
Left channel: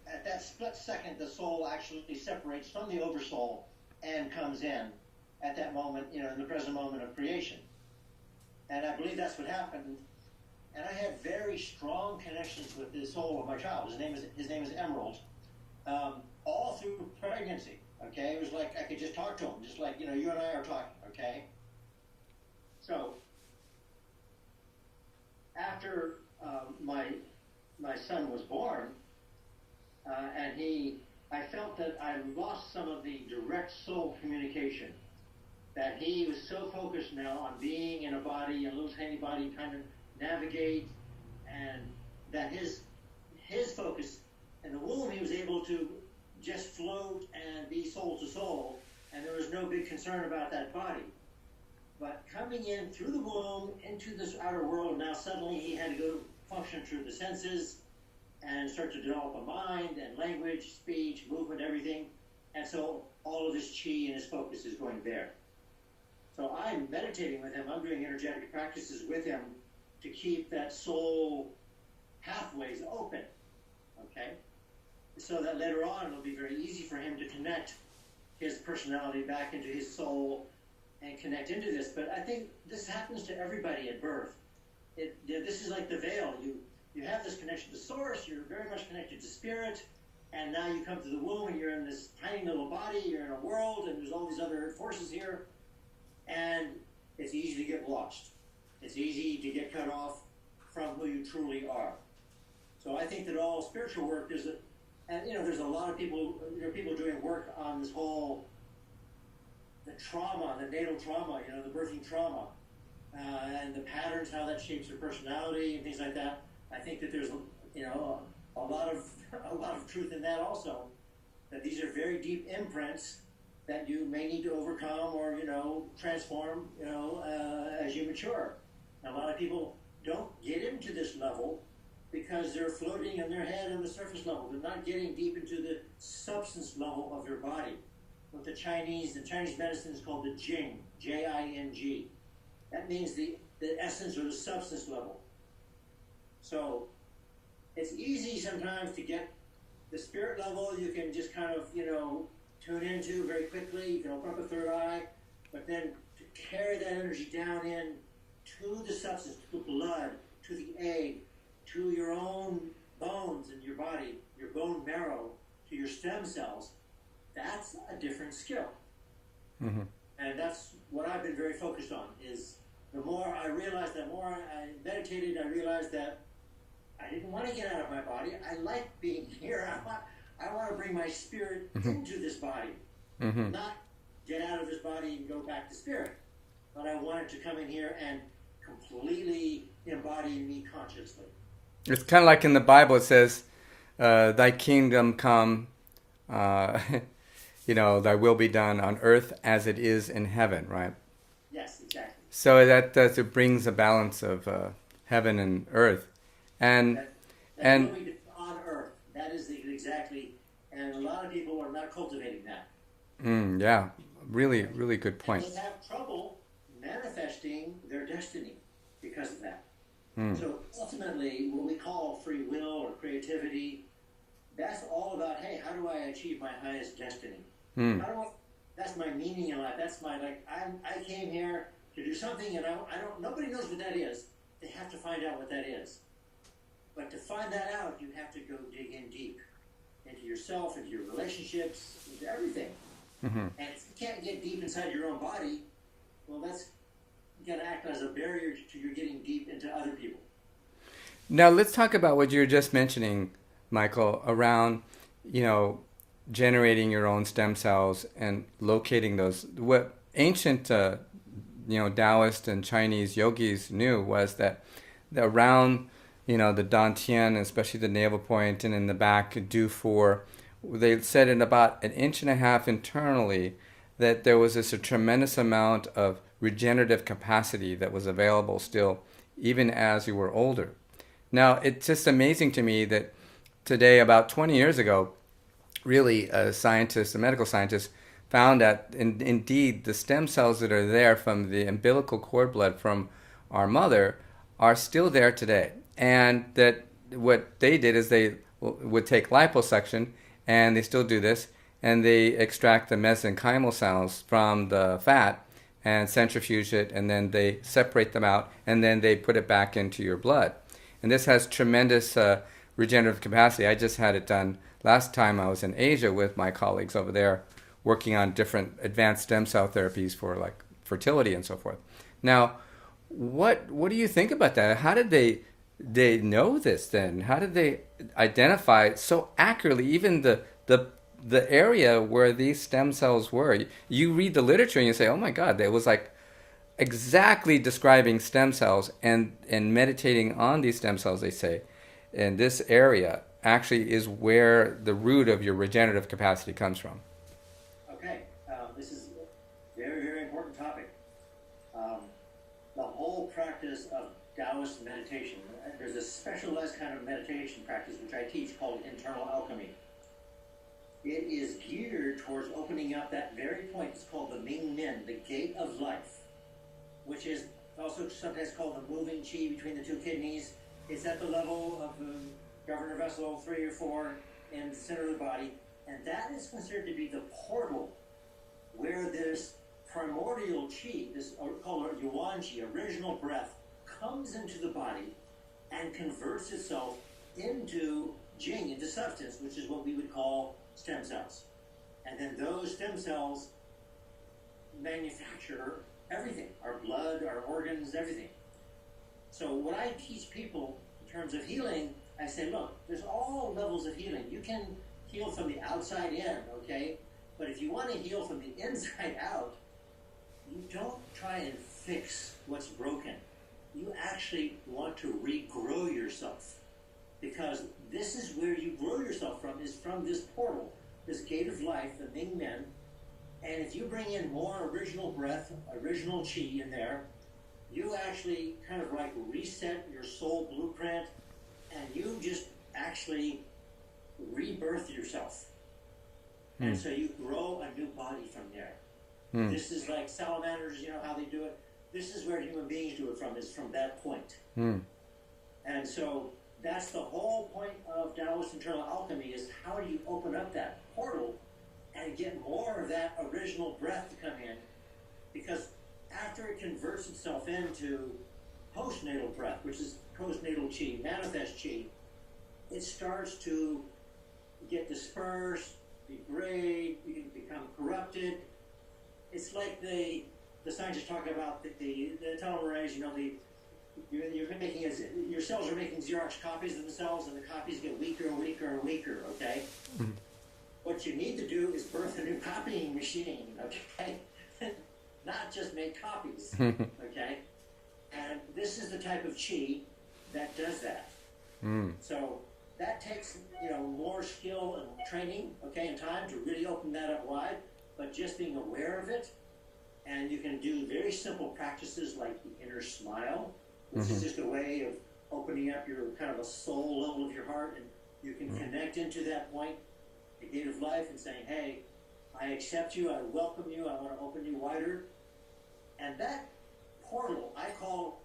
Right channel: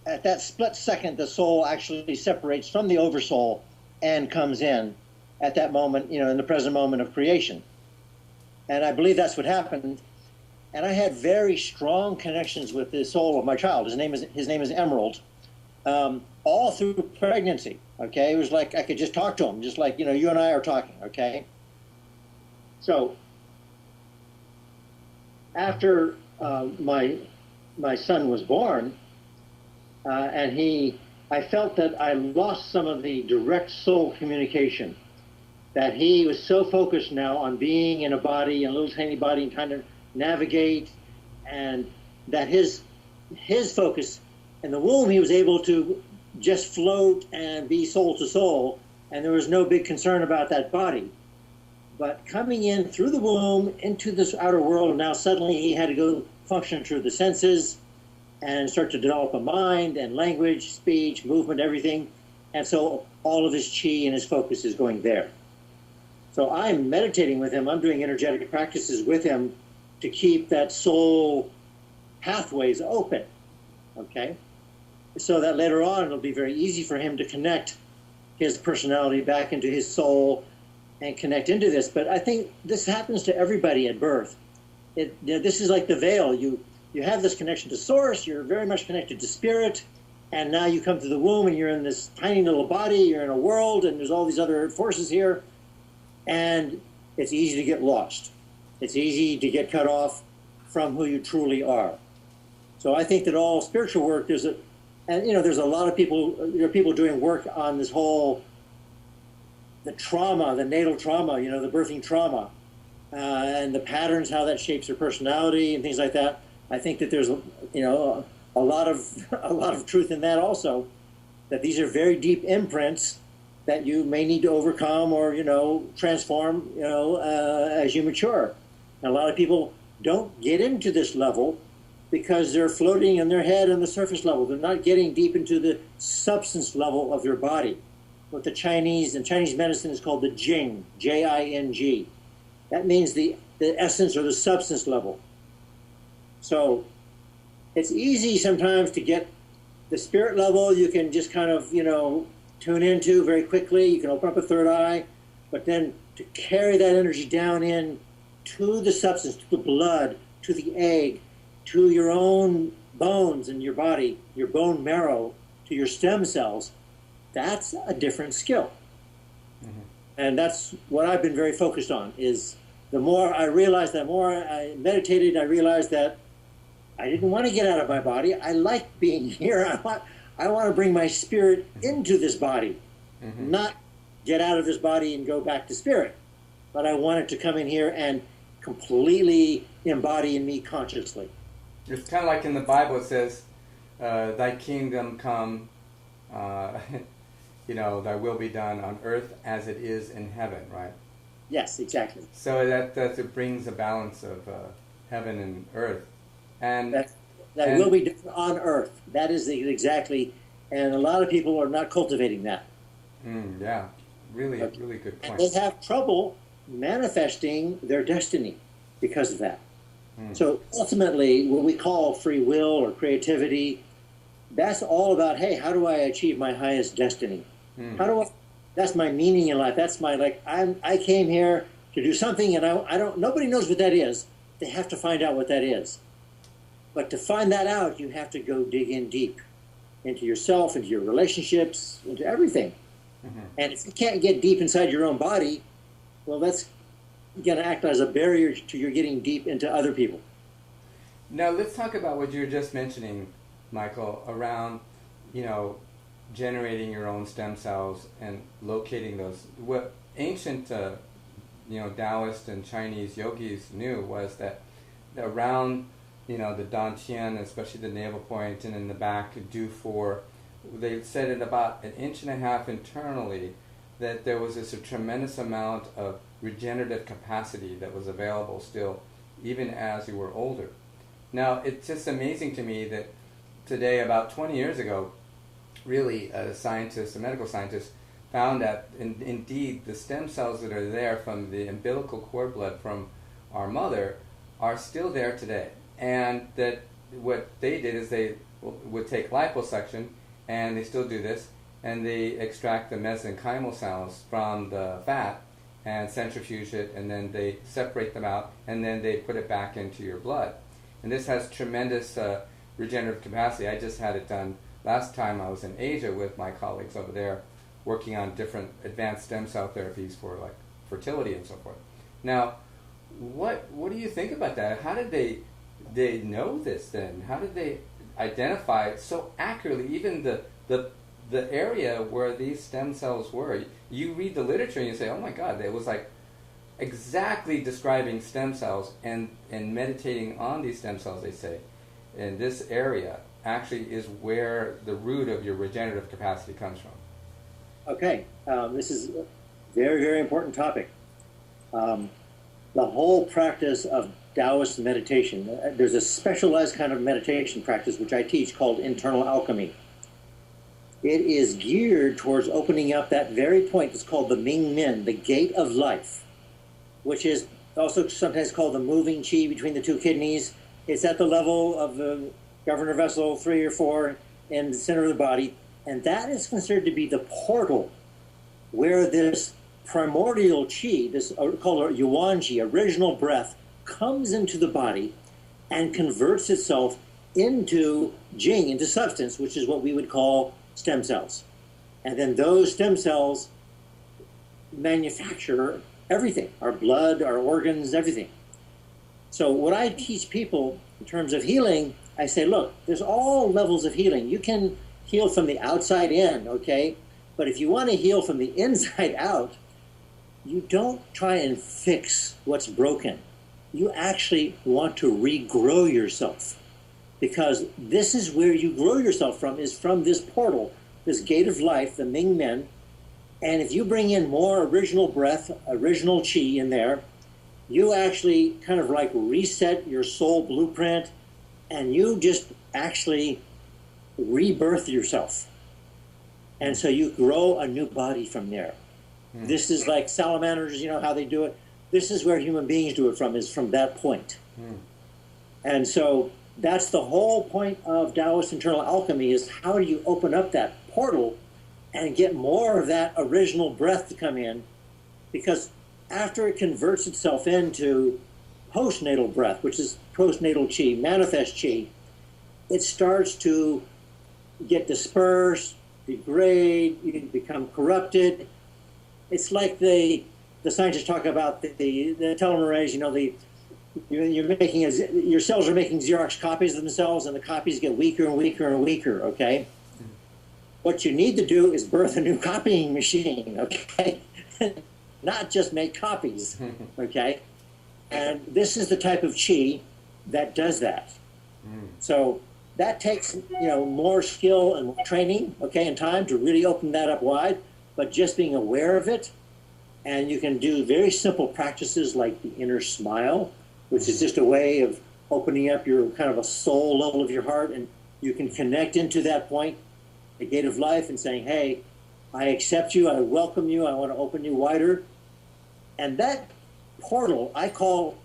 at that split second, the soul actually separates from the oversoul and comes in at that moment, you know, in the present moment of creation. And I believe that's what happened. And I had very strong connections with the soul of my child. His name is Emerald, all through pregnancy, okay? It was like I could just talk to him, just like, you know, you and I are talking, okay? So after my son was born, and he I felt that I lost some of the direct soul communication. That he was so focused now on being in a body, in a little tiny body, and trying to navigate, and that his focus in the womb, he was able to just float and be soul to soul, and there was no big concern about that body. But coming in through the womb into this outer world, now suddenly he had to go function through the senses and start to develop a mind and language, speech, movement, everything. And so all of his chi and his focus is going there. So I'm meditating with him. I'm doing energetic practices with him to keep that soul pathways open, okay? So that later on it'll be very easy for him to connect his personality back into his soul and connect into this. But I think this happens to everybody at birth. This is like the veil. You have this connection to source, you're very much connected to spirit, and now you come to the womb and you're in this tiny little body, you're in a world, and there's all these other forces here, and it's easy to get lost. It's easy to get cut off from who you truly are. So I think that all spiritual work, there's a lot of people, people doing work on this whole, the trauma, the natal trauma, the birthing trauma, and the patterns, how that shapes your personality and things like that. I think that there's, a lot of truth in that also, that these are very deep imprints that you may need to overcome or, transform, as you mature. And a lot of people don't get into this level because they're floating in their head on the surface level. They're not getting deep into the substance level of your body. What the Chinese medicine is called the Jing, Jing. That means the essence or the substance level. So it's easy sometimes to get the spirit level. You can just kind of, tune into very quickly. You can open up a third eye, but then to carry that energy down in to the substance, to the blood, to the egg, to your own bones in your body, your bone marrow, to your stem cells, that's a different skill. Mm-hmm. And that's what I've been very focused on, is the more I realized, the more I meditated, I realized that I didn't want to get out of my body. I like being here. I want to bring my spirit into this body, not get out of this body and go back to spirit. But I want it to come in here and completely embody in me consciously. It's kind of like in the Bible, it says, thy kingdom come, thy will be done on earth as it is in heaven, right? Yes, exactly. So that it brings a balance of heaven and earth. And that will be done on earth. That is exactly, and a lot of people are not cultivating that. Yeah, really, really good point. And they have trouble manifesting their destiny because of that. So ultimately, what we call free will or creativity, that's all about, hey, how do I achieve my highest destiny? That's my meaning in life. That's my, I came here to do something, and nobody knows what that is. They have to find out what that is. But to find that out, you have to go dig in deep into yourself, into your relationships, into everything. And if you can't get deep inside your own body, well, that's going to act as a barrier to your getting deep into other people. Now, let's talk about what you were just mentioning, Michael, around, generating your own stem cells and locating those. What ancient, Taoist and Chinese yogis knew was that around, the dantian, especially the navel point, and in the back, they said in about 1.5 inches internally that there was a tremendous amount of regenerative capacity that was available still, even as you were older. Now, it's just amazing to me that today, about 20 years ago, really, a medical scientist, found that indeed the stem cells that are there from the umbilical cord blood from our mother are still there today. And that what they did is they would take liposuction, and they still do this, and they extract the mesenchymal cells from the fat and centrifuge it, and then they separate them out, and then they put it back into your blood. And this has tremendous regenerative capacity. I just had it done last time I was in Asia with my colleagues over there, working on different advanced stem cell therapies for fertility and so forth. Now, what do you think about that? How did they know this then? How did they identify so accurately even the the area where these stem cells were, you read the literature and you say, oh my God, it was like exactly describing stem cells, and meditating on these stem cells, they say, in this area actually is where the root of your regenerative capacity comes from. Okay, this is a very, very important topic. The whole practice of Taoist meditation, there's a specialized kind of meditation practice which I teach called internal alchemy. It is geared towards opening up that very point that's called the Ming Men, the gate of life, which is also sometimes called the moving qi between the two kidneys. It's at the level of the governor vessel 3 or 4 in the center of the body, and that is considered to be the portal where this primordial qi, this called yuan qi, original breath, comes into the body and converts itself into jing, into substance, which is what we would call stem cells. And then those stem cells manufacture everything, our blood, our organs, everything. So what I teach people in terms of healing, I say, look, there's all levels of healing. You can heal from the outside in, okay? But if you want to heal from the inside out, you don't try and fix what's broken. You actually want to regrow yourself, because this is where you grow yourself from, is from this portal, this gate of life, the Ming Men. And if you bring in more original breath, original qi in there, you actually kind of like reset your soul blueprint, and you just actually rebirth yourself. And so you grow a new body from there. This is like salamanders, you know how they do it? This is where human beings do it from, is from that point. And so that's the whole point of Taoist internal alchemy, is how do you open up that portal and get more of that original breath to come in? Because after it converts itself into postnatal breath, which is postnatal qi, manifest qi, it starts to get dispersed, degrade, you can become corrupted. It's like the scientists talk about the telomerase, you know, you're making your cells are making Xerox copies of themselves, and the copies get weaker and weaker and weaker, okay? What you need to do is birth a new copying machine, okay? Not just make copies, okay? And this is the type of qi that does that. So that takes, you know, more skill and more training, okay, and time to really open that up wide, but just being aware of it. And you can do very simple practices like the inner smile, which is just a way of opening up your kind of a soul level of your heart, and you can connect into that point, the gate of life, and saying, hey, I accept you, I welcome you, I want to open you wider. And that portal, I call,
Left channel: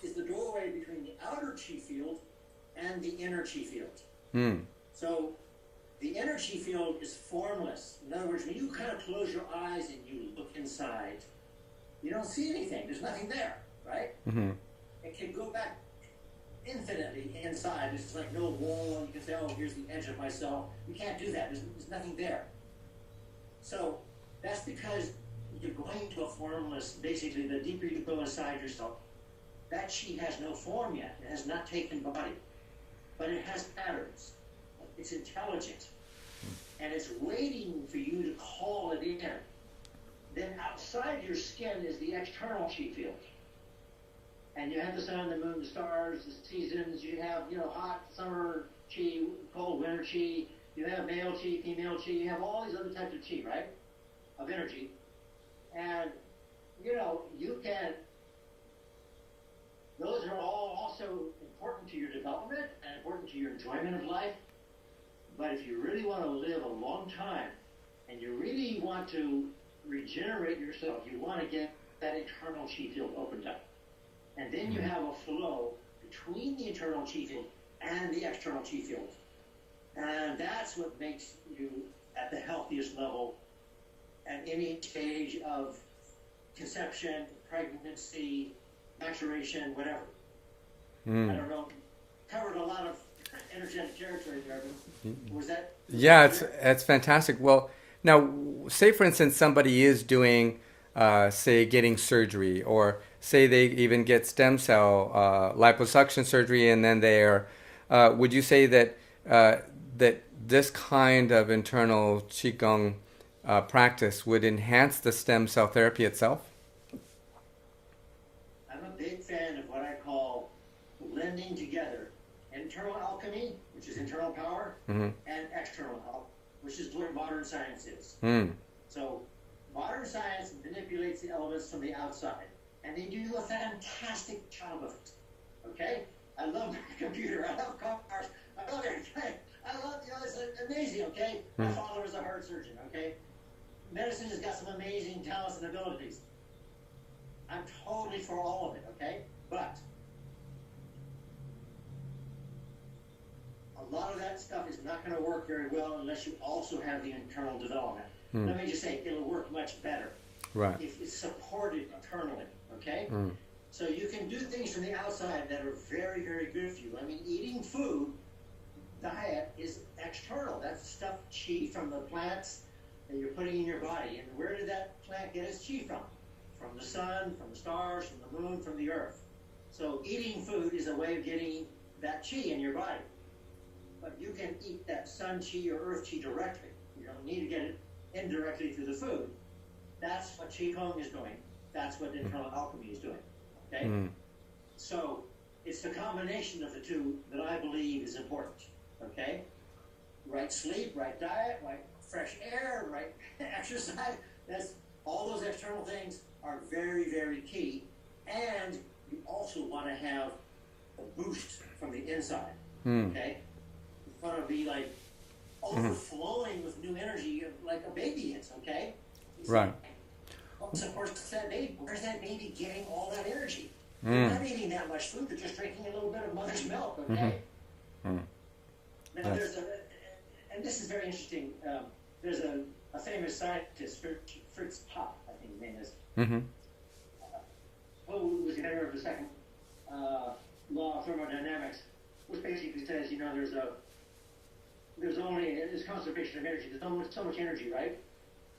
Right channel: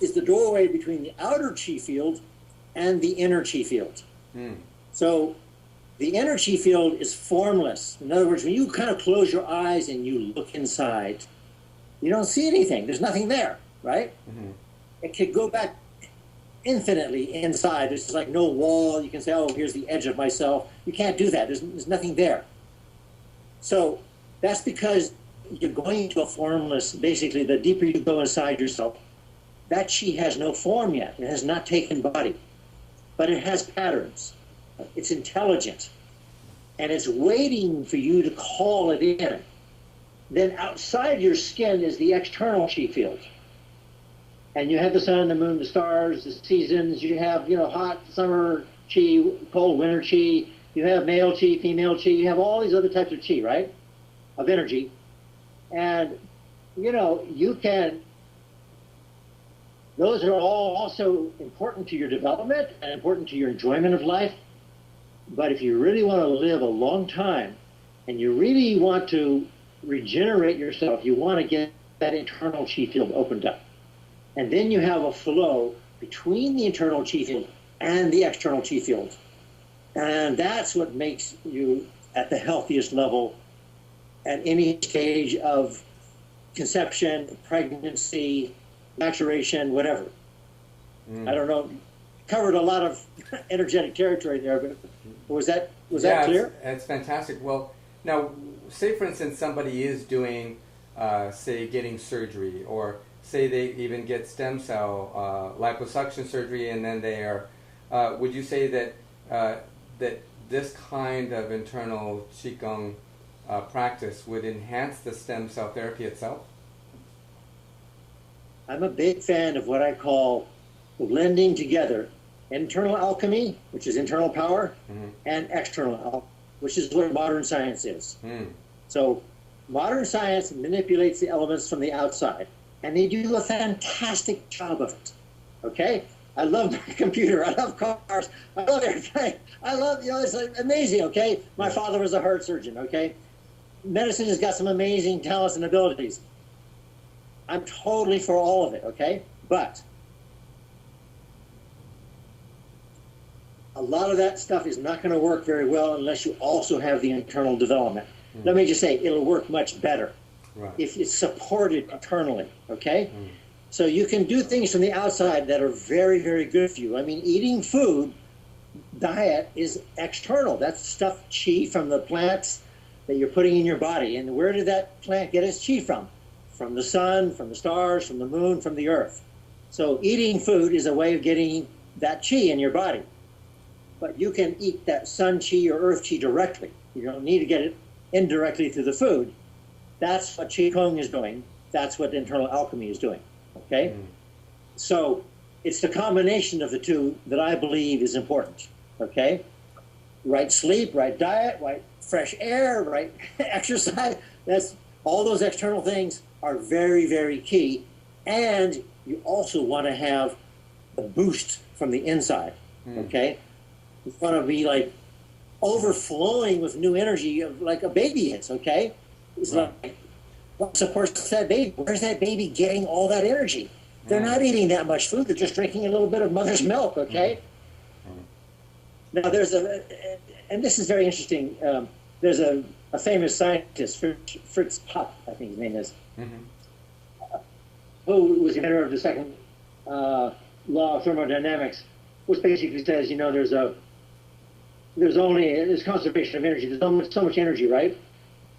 is the doorway between the outer chi field and the inner chi field. So the inner chi field is formless. In other words, when you kind of close your eyes and you look inside, you don't see anything. There's nothing there, right? It could go back infinitely inside. There's like no wall. You can say, oh, here's the edge of myself. You can't do that. There's nothing there. So that's because you're going to a formless, basically, the deeper you go inside yourself, that chi has no form yet. It has not taken body, but it has patterns. It's intelligent, and it's waiting for you to call it in. Then outside your skin is the external chi field. And you have the sun, the moon, the stars, the seasons. You have, you know, hot summer chi, cold winter chi. You have male chi, female chi. You have all these other types of chi, right, of energy. And, you know, you can, those are all also important to your development and important to your enjoyment of life. But if you really want to live a long time and you really want to regenerate yourself, you want to get that internal chi field opened up. And then you have a flow between the internal chi field and the external chi field. And that's what makes you at the healthiest level at any stage of conception, pregnancy, maturation, whatever. I don't know. Covered a lot of energetic territory there, but was that clear? It's fantastic. Well, now, say for instance somebody is doing, say, getting surgery, or say they even get stem cell liposuction surgery, and then they are, would you say that that this kind of internal Qigong practice would enhance the stem cell therapy itself? I'm a big fan of what I call blending together internal alchemy, which is internal power, and external alchemy, which is what modern science is. So modern science manipulates the elements from the outside, and they do a fantastic job of it. Okay? I love my computer. I love cars. I love everything. I love, it's amazing, okay? My father was a heart surgeon, okay? Medicine has got some amazing talents and abilities. I'm totally for all of it, okay? But a lot of that stuff is not going to work very well unless you also have the internal development. Let me just say, it'll work much better if it's supported internally, okay? So you can do things from the outside that are very, very good for you. I mean, eating food, diet is external. That's stuff, chi from the plants that you're putting in your body. And where did that plant get its chi from? From the sun, from the stars, from the moon, from the earth. So eating food is a way of getting that chi in your body. But you can eat that sun chi or earth chi directly. You don't need to get it indirectly through the food. That's what Qigong is doing. That's what internal alchemy is doing. Okay? So it's the combination of the two that I believe is important. Okay? Right sleep, right diet, right fresh air, right exercise. That's all those external things are very, very key. And you also want to have a boost from the inside. Okay? You want to be like overflowing with new energy of like a baby is, okay? It's like, what supports that baby? Where's that baby getting all that energy? They're not eating that much food. They're just drinking a little bit of mother's milk, okay? Now, there's and this is very interesting. There's a famous scientist, Fritz Popp, I think his name is, who was the inventor of the second law of thermodynamics, which basically says, you know, there's conservation of energy. There's so much energy, right?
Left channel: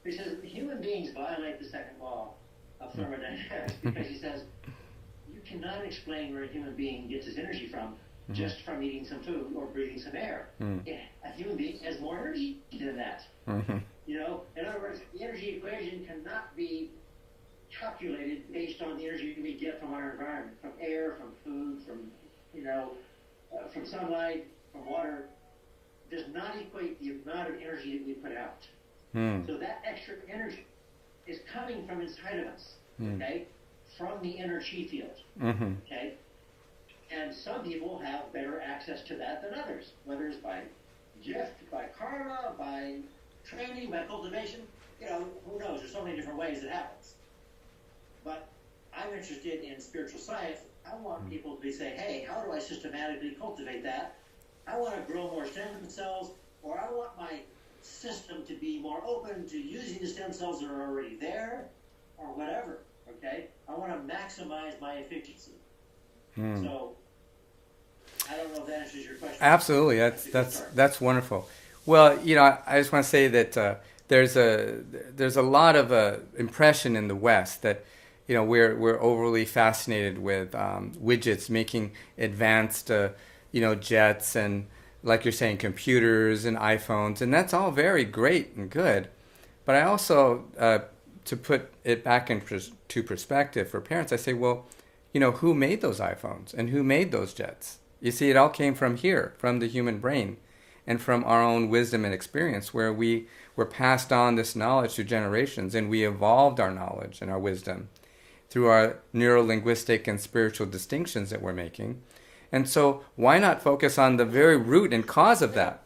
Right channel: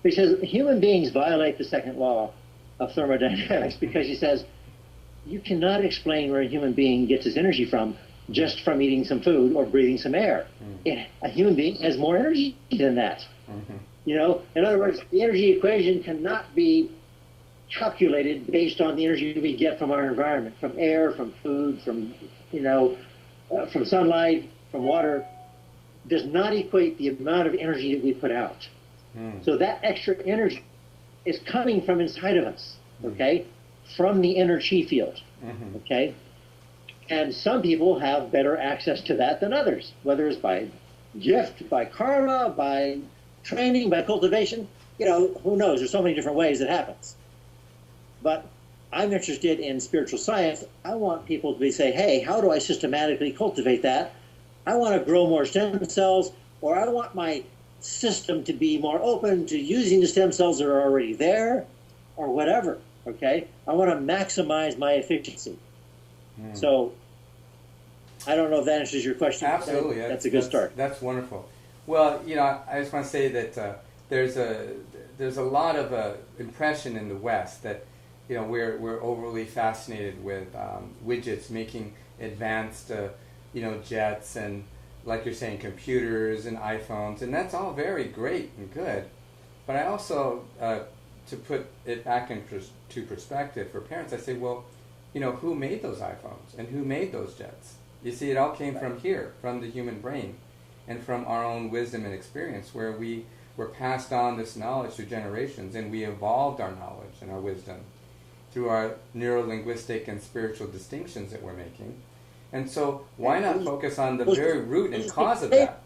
He says human beings violate the second law of thermodynamics because he says you cannot explain where a human being gets his energy from just from eating some food or breathing some air. A human being has more energy than that. You know, in other words, the energy equation cannot be calculated based on the energy we get from our environment, from air, from food, from, you know, from sunlight, from water. Does not equate the amount of energy that we put out. So that extra energy is coming from inside of us, okay? From the inner chi field, okay? And some people have better access to that than others, whether it's by gift, by karma, by training, by cultivation. You know, who knows? There's so many different ways it happens. But I'm interested in spiritual science. I want people to say, hey, how do I systematically cultivate that? I want to grow more stem cells, or I want my system to be more open to using the stem cells that are already there, or whatever, okay? I want to maximize my efficiency. So I don't know if that answers your question. Absolutely. That's a good start. That's wonderful. Well, you know, I just want to say that there's a lot of impression in the West that, you know, we're overly fascinated with widgets making advanced you know, jets and, like you're saying, computers and iPhones, and that's all very great and good. But I also, to put it back into perspective for parents, I say, well, you know, who made those iPhones and who made those jets? You see, it all came from here, from the human brain, and from our own wisdom and experience, where we were passed on this knowledge through generations, and we evolved our knowledge and our wisdom through our neuro-linguistic and spiritual distinctions that we're making. And so why not focus on the very root and cause of that?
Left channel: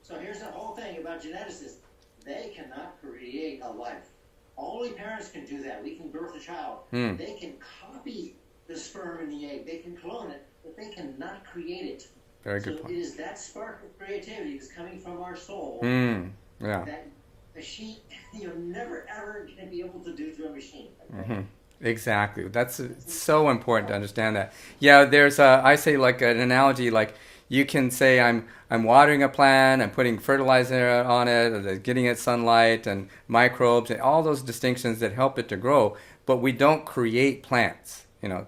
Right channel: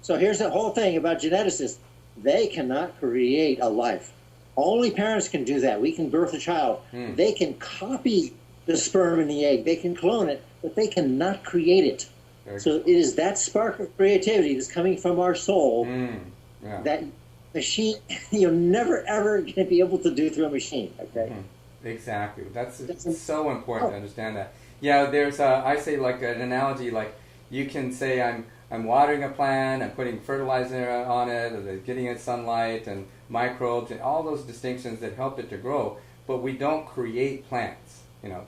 So here's the whole thing about geneticists. They cannot create a life. Only parents can do that. We can birth a child. They can copy the sperm and the egg. They can clone it, but they cannot create it. So it is that spark of creativity that's coming from our soul that machine, you're never, ever going to be able to do through a machine. Okay? Exactly. That's so important to understand that. Yeah, there's I say like an analogy, like you can say I'm watering a plant, I'm putting fertilizer on it, getting it sunlight and microbes and all those distinctions that help it to grow, but we don't create plants. You know,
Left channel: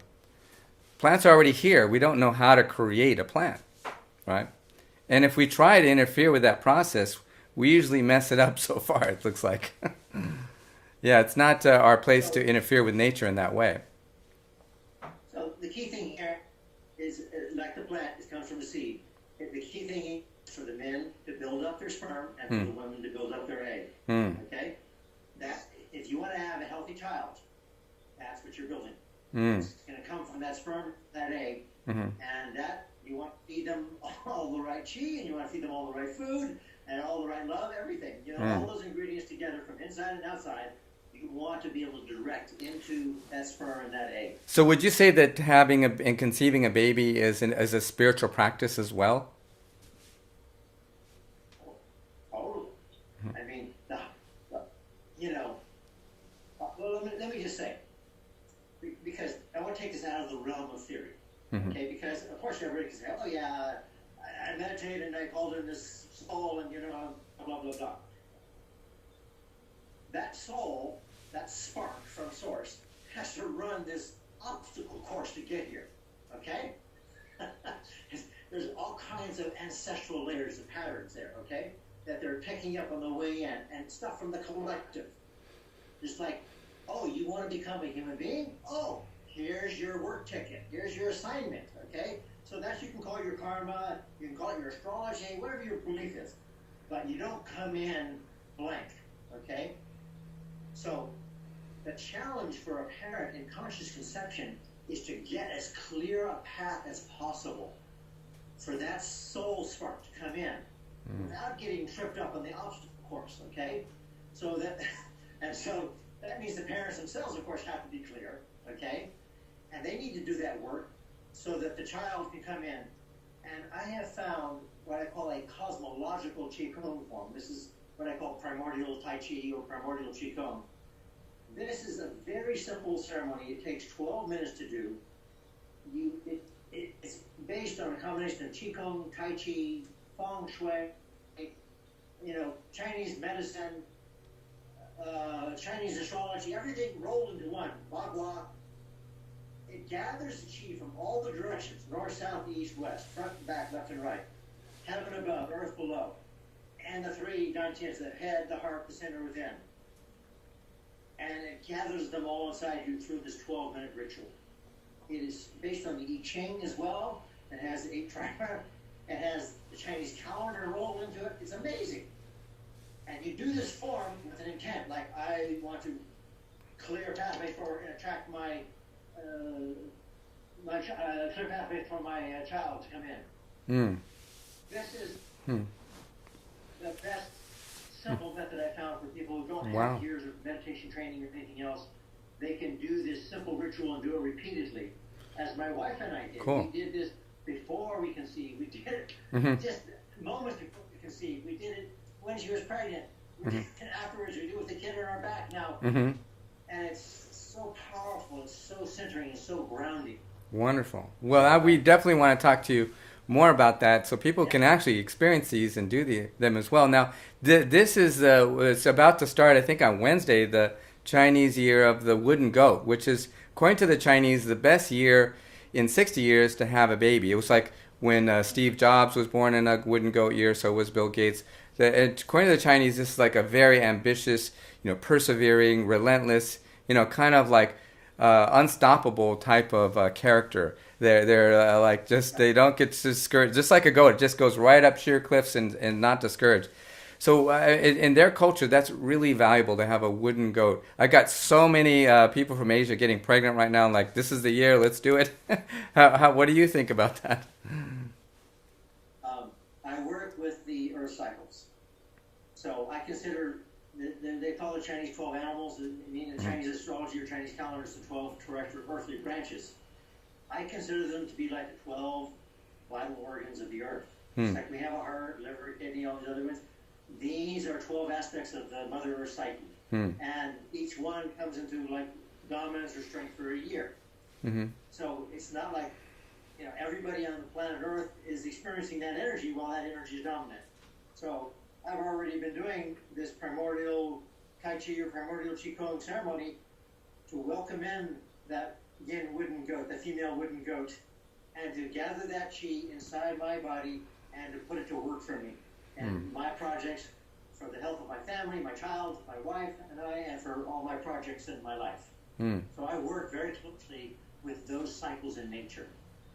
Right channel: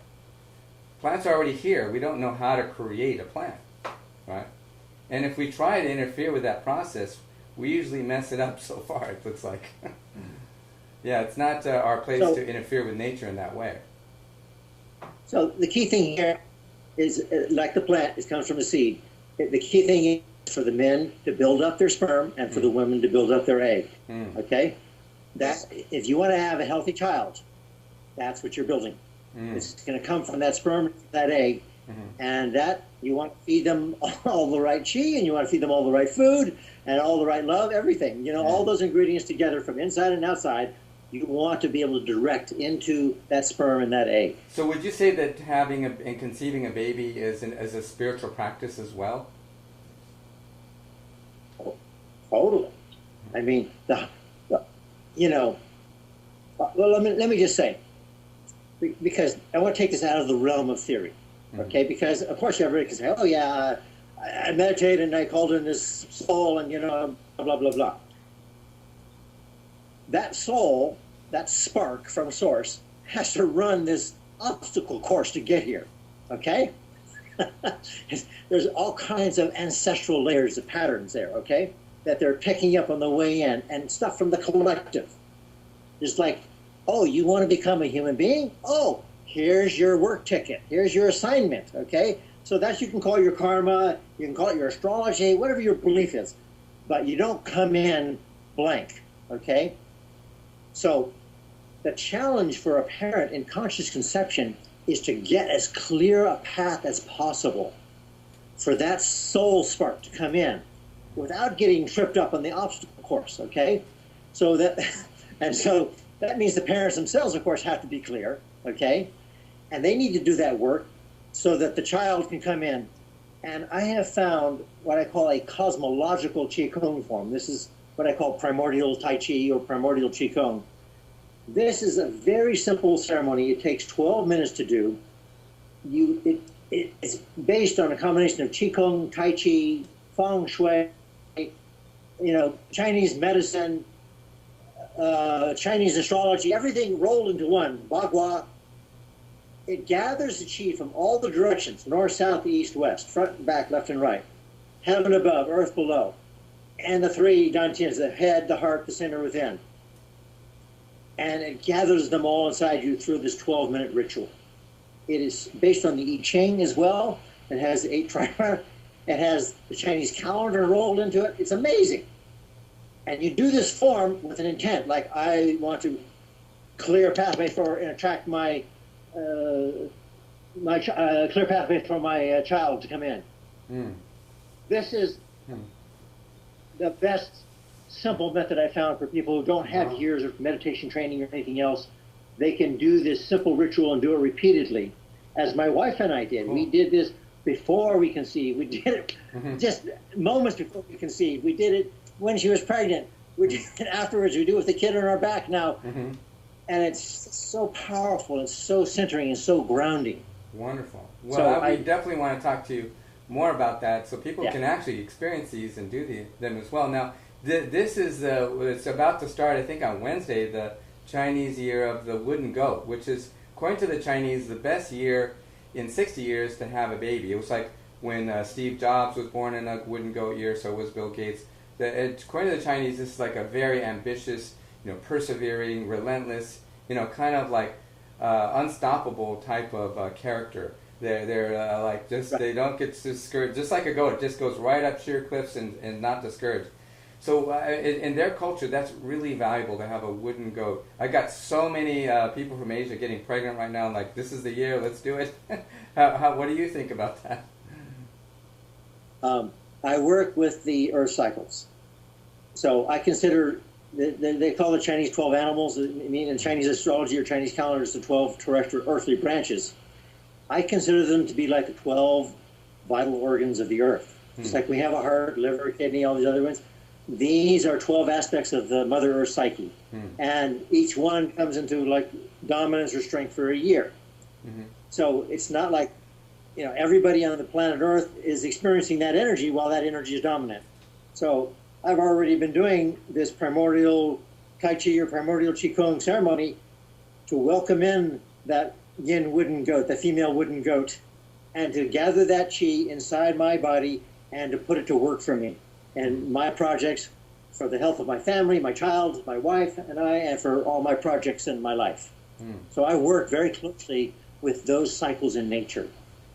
plants are already here. We don't know how to create a plant, right? And if we try to interfere with that process, we usually mess it up so far, it looks like. Yeah, it's not our place So, to interfere with nature in that way. so the key thing here is, like the plant, it comes from the seed. The key thing is for the men to build up their sperm and for the women to build up their egg. Okay? That if you want to have a healthy child, that's what you're building. It's going to come from that sperm, that egg, and that you want to feed them all the right chi, and you want to feed them all the right food, and all the right love, everything. You know, all those ingredients together from inside and outside, you want to be able to direct into that sperm and that egg. So would you say that having and conceiving a baby is a spiritual practice as well? Totally. I mean, you know, well, let me just say, because I want to take this out of the realm of theory, okay? Because of course everybody can say, oh yeah, I meditated and I called in this soul and, you know, blah, blah, blah. That soul, that spark from source, has to run this obstacle course to get here, okay? There's all kinds of ancestral layers of patterns there, okay, that they're picking up on the way in, and stuff from the collective. Just like, oh, you want to become a human being? Oh, here's your work ticket. Here's your assignment, okay? So that you can call your karma, you can call it your astrology, whatever your belief is. But you don't come in blank, okay? So the challenge for a parent in conscious conception is to get as clear a path as possible for that soul spark to come in without getting tripped up on the obstacle course, okay? So that, and so that means the parents themselves, of course, have to be clear, okay? And they need to do that work so that the child can come in. And I have found what I call a cosmological Qigong form. This is what I call primordial Tai Chi or primordial Qigong. This is a very simple ceremony. It takes 12 minutes to do. It's based on a combination of Qigong, Tai Chi, Feng Shui, you know, Chinese medicine, Chinese astrology, everything rolled into one, Bagua. It gathers the chi from all the directions, north, south, east, west, front and back, left and right, heaven above, earth below, and the three dantians, the head, the heart, the center within. And it gathers them all inside you through this 12-minute ritual. It is based on the I Ching as well. It has the 8 trimer. It has the Chinese calendar rolled into it. It's amazing. And you do this form with an intent, like I want to clear a pathway for and attract my clear pathway for my child to come in. This is the best simple method I found for people who don't have years of meditation training or anything else. They can do this simple ritual and do it repeatedly, as my wife and I did. Cool. We did this before we conceived. We did it just moments before we conceived. We did it when she was pregnant. We did it afterwards. We do it with the kid on our back now. And it's so powerful. It's so centering and so grounding. Wonderful. Well, we definitely want to talk to you more about that so people can actually experience these and do them as well. Now, this is it's about to start, I think, on Wednesday, the Chinese year of the wooden goat, which is, according to the Chinese, the best year in 60 years to have a baby. It was like when Steve Jobs was born in a wooden goat year, so was Bill Gates. According to the Chinese, this is like a very ambitious, persevering, relentless, kind of like unstoppable type of character. They're like they don't get discouraged. Just like a goat, it just goes right up sheer cliffs and not discouraged. So in their culture, that's really valuable to have a wooden goat. I got so many people from Asia getting pregnant right now. Like, this is the year, let's do it. What do you think about that? I work with the earth cycles. So I consider, they call the Chinese 12 animals. I mean, in Chinese astrology or Chinese calendar, it's the 12 terrestrial earthly branches. I consider them to be like the 12 vital organs of the earth. It's like we have a heart, liver, kidney, all these other ones. These are 12 aspects of the Mother Earth psyche. And each one comes into like dominance or strength for a year. So it's not like, everybody on the planet Earth is experiencing that energy while that energy is dominant. So I've already been doing this primordial Tai Chi or primordial Qigong ceremony to welcome in that yin wooden goat, the female wooden goat, and to gather that Qi inside my body and to put it to work for me. And my projects for the health of my family, my child, my wife, and I, and for all my projects in my life. So I work very closely with those cycles in nature.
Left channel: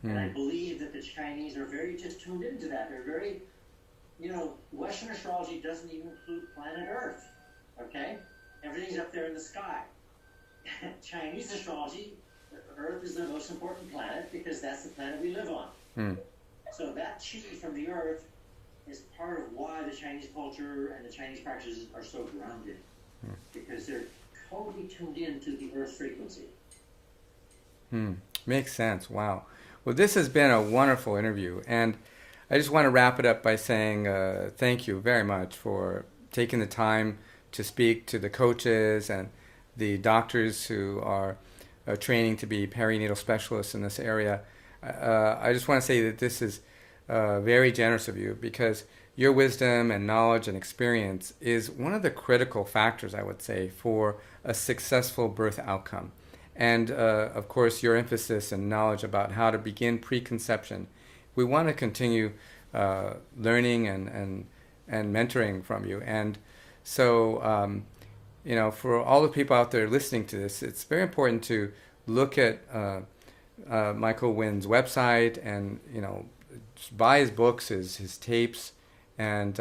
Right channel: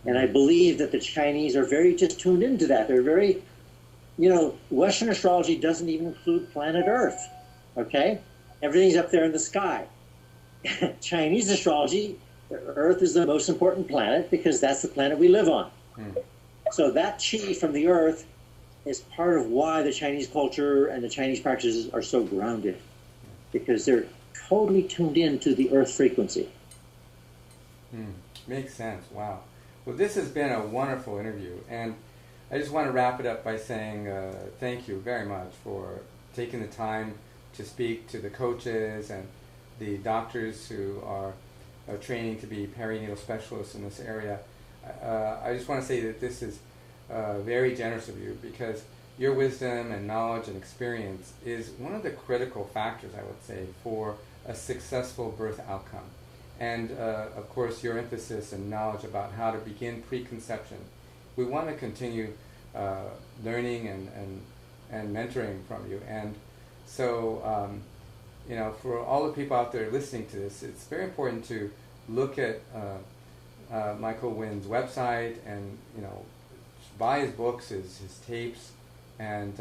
And I believe that the Chinese are very just tuned into that. They're very, you know, Western astrology doesn't even include planet Earth, okay? Everything's up there in the sky. Chinese astrology, Earth is the most important planet because that's the planet we live on. So that chi from the Earth is part of why the Chinese culture and the Chinese practices are so grounded, because they're totally tuned in to the Earth frequency. Makes sense. Wow. Well, this has been a wonderful interview, and I just want to wrap it up by saying thank you very much for taking the time to speak to the coaches and the doctors who are training to be perinatal specialists in this area. I just want to say that this is very generous of you, because your wisdom and knowledge and experience is one of the critical factors, I would say, for a successful birth outcome. And of course, your emphasis and knowledge about how to begin preconception. We want to continue learning and mentoring from you. And so, you know, for all the people out there listening to this, it's very important to look at Michael Winn's website and, you know, buy his books, his tapes, and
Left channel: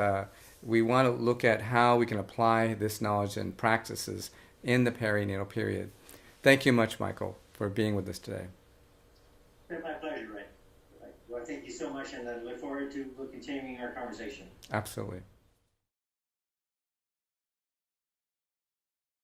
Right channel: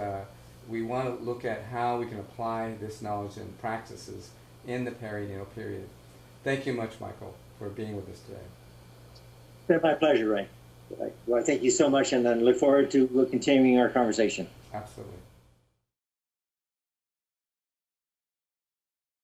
we want to look at how we can apply this knowledge and practices in the perinatal period. Thank you much, Michael, for being with us today. It's been my pleasure, Ray. Well, thank you so much, and I look forward to continuing our conversation. Absolutely.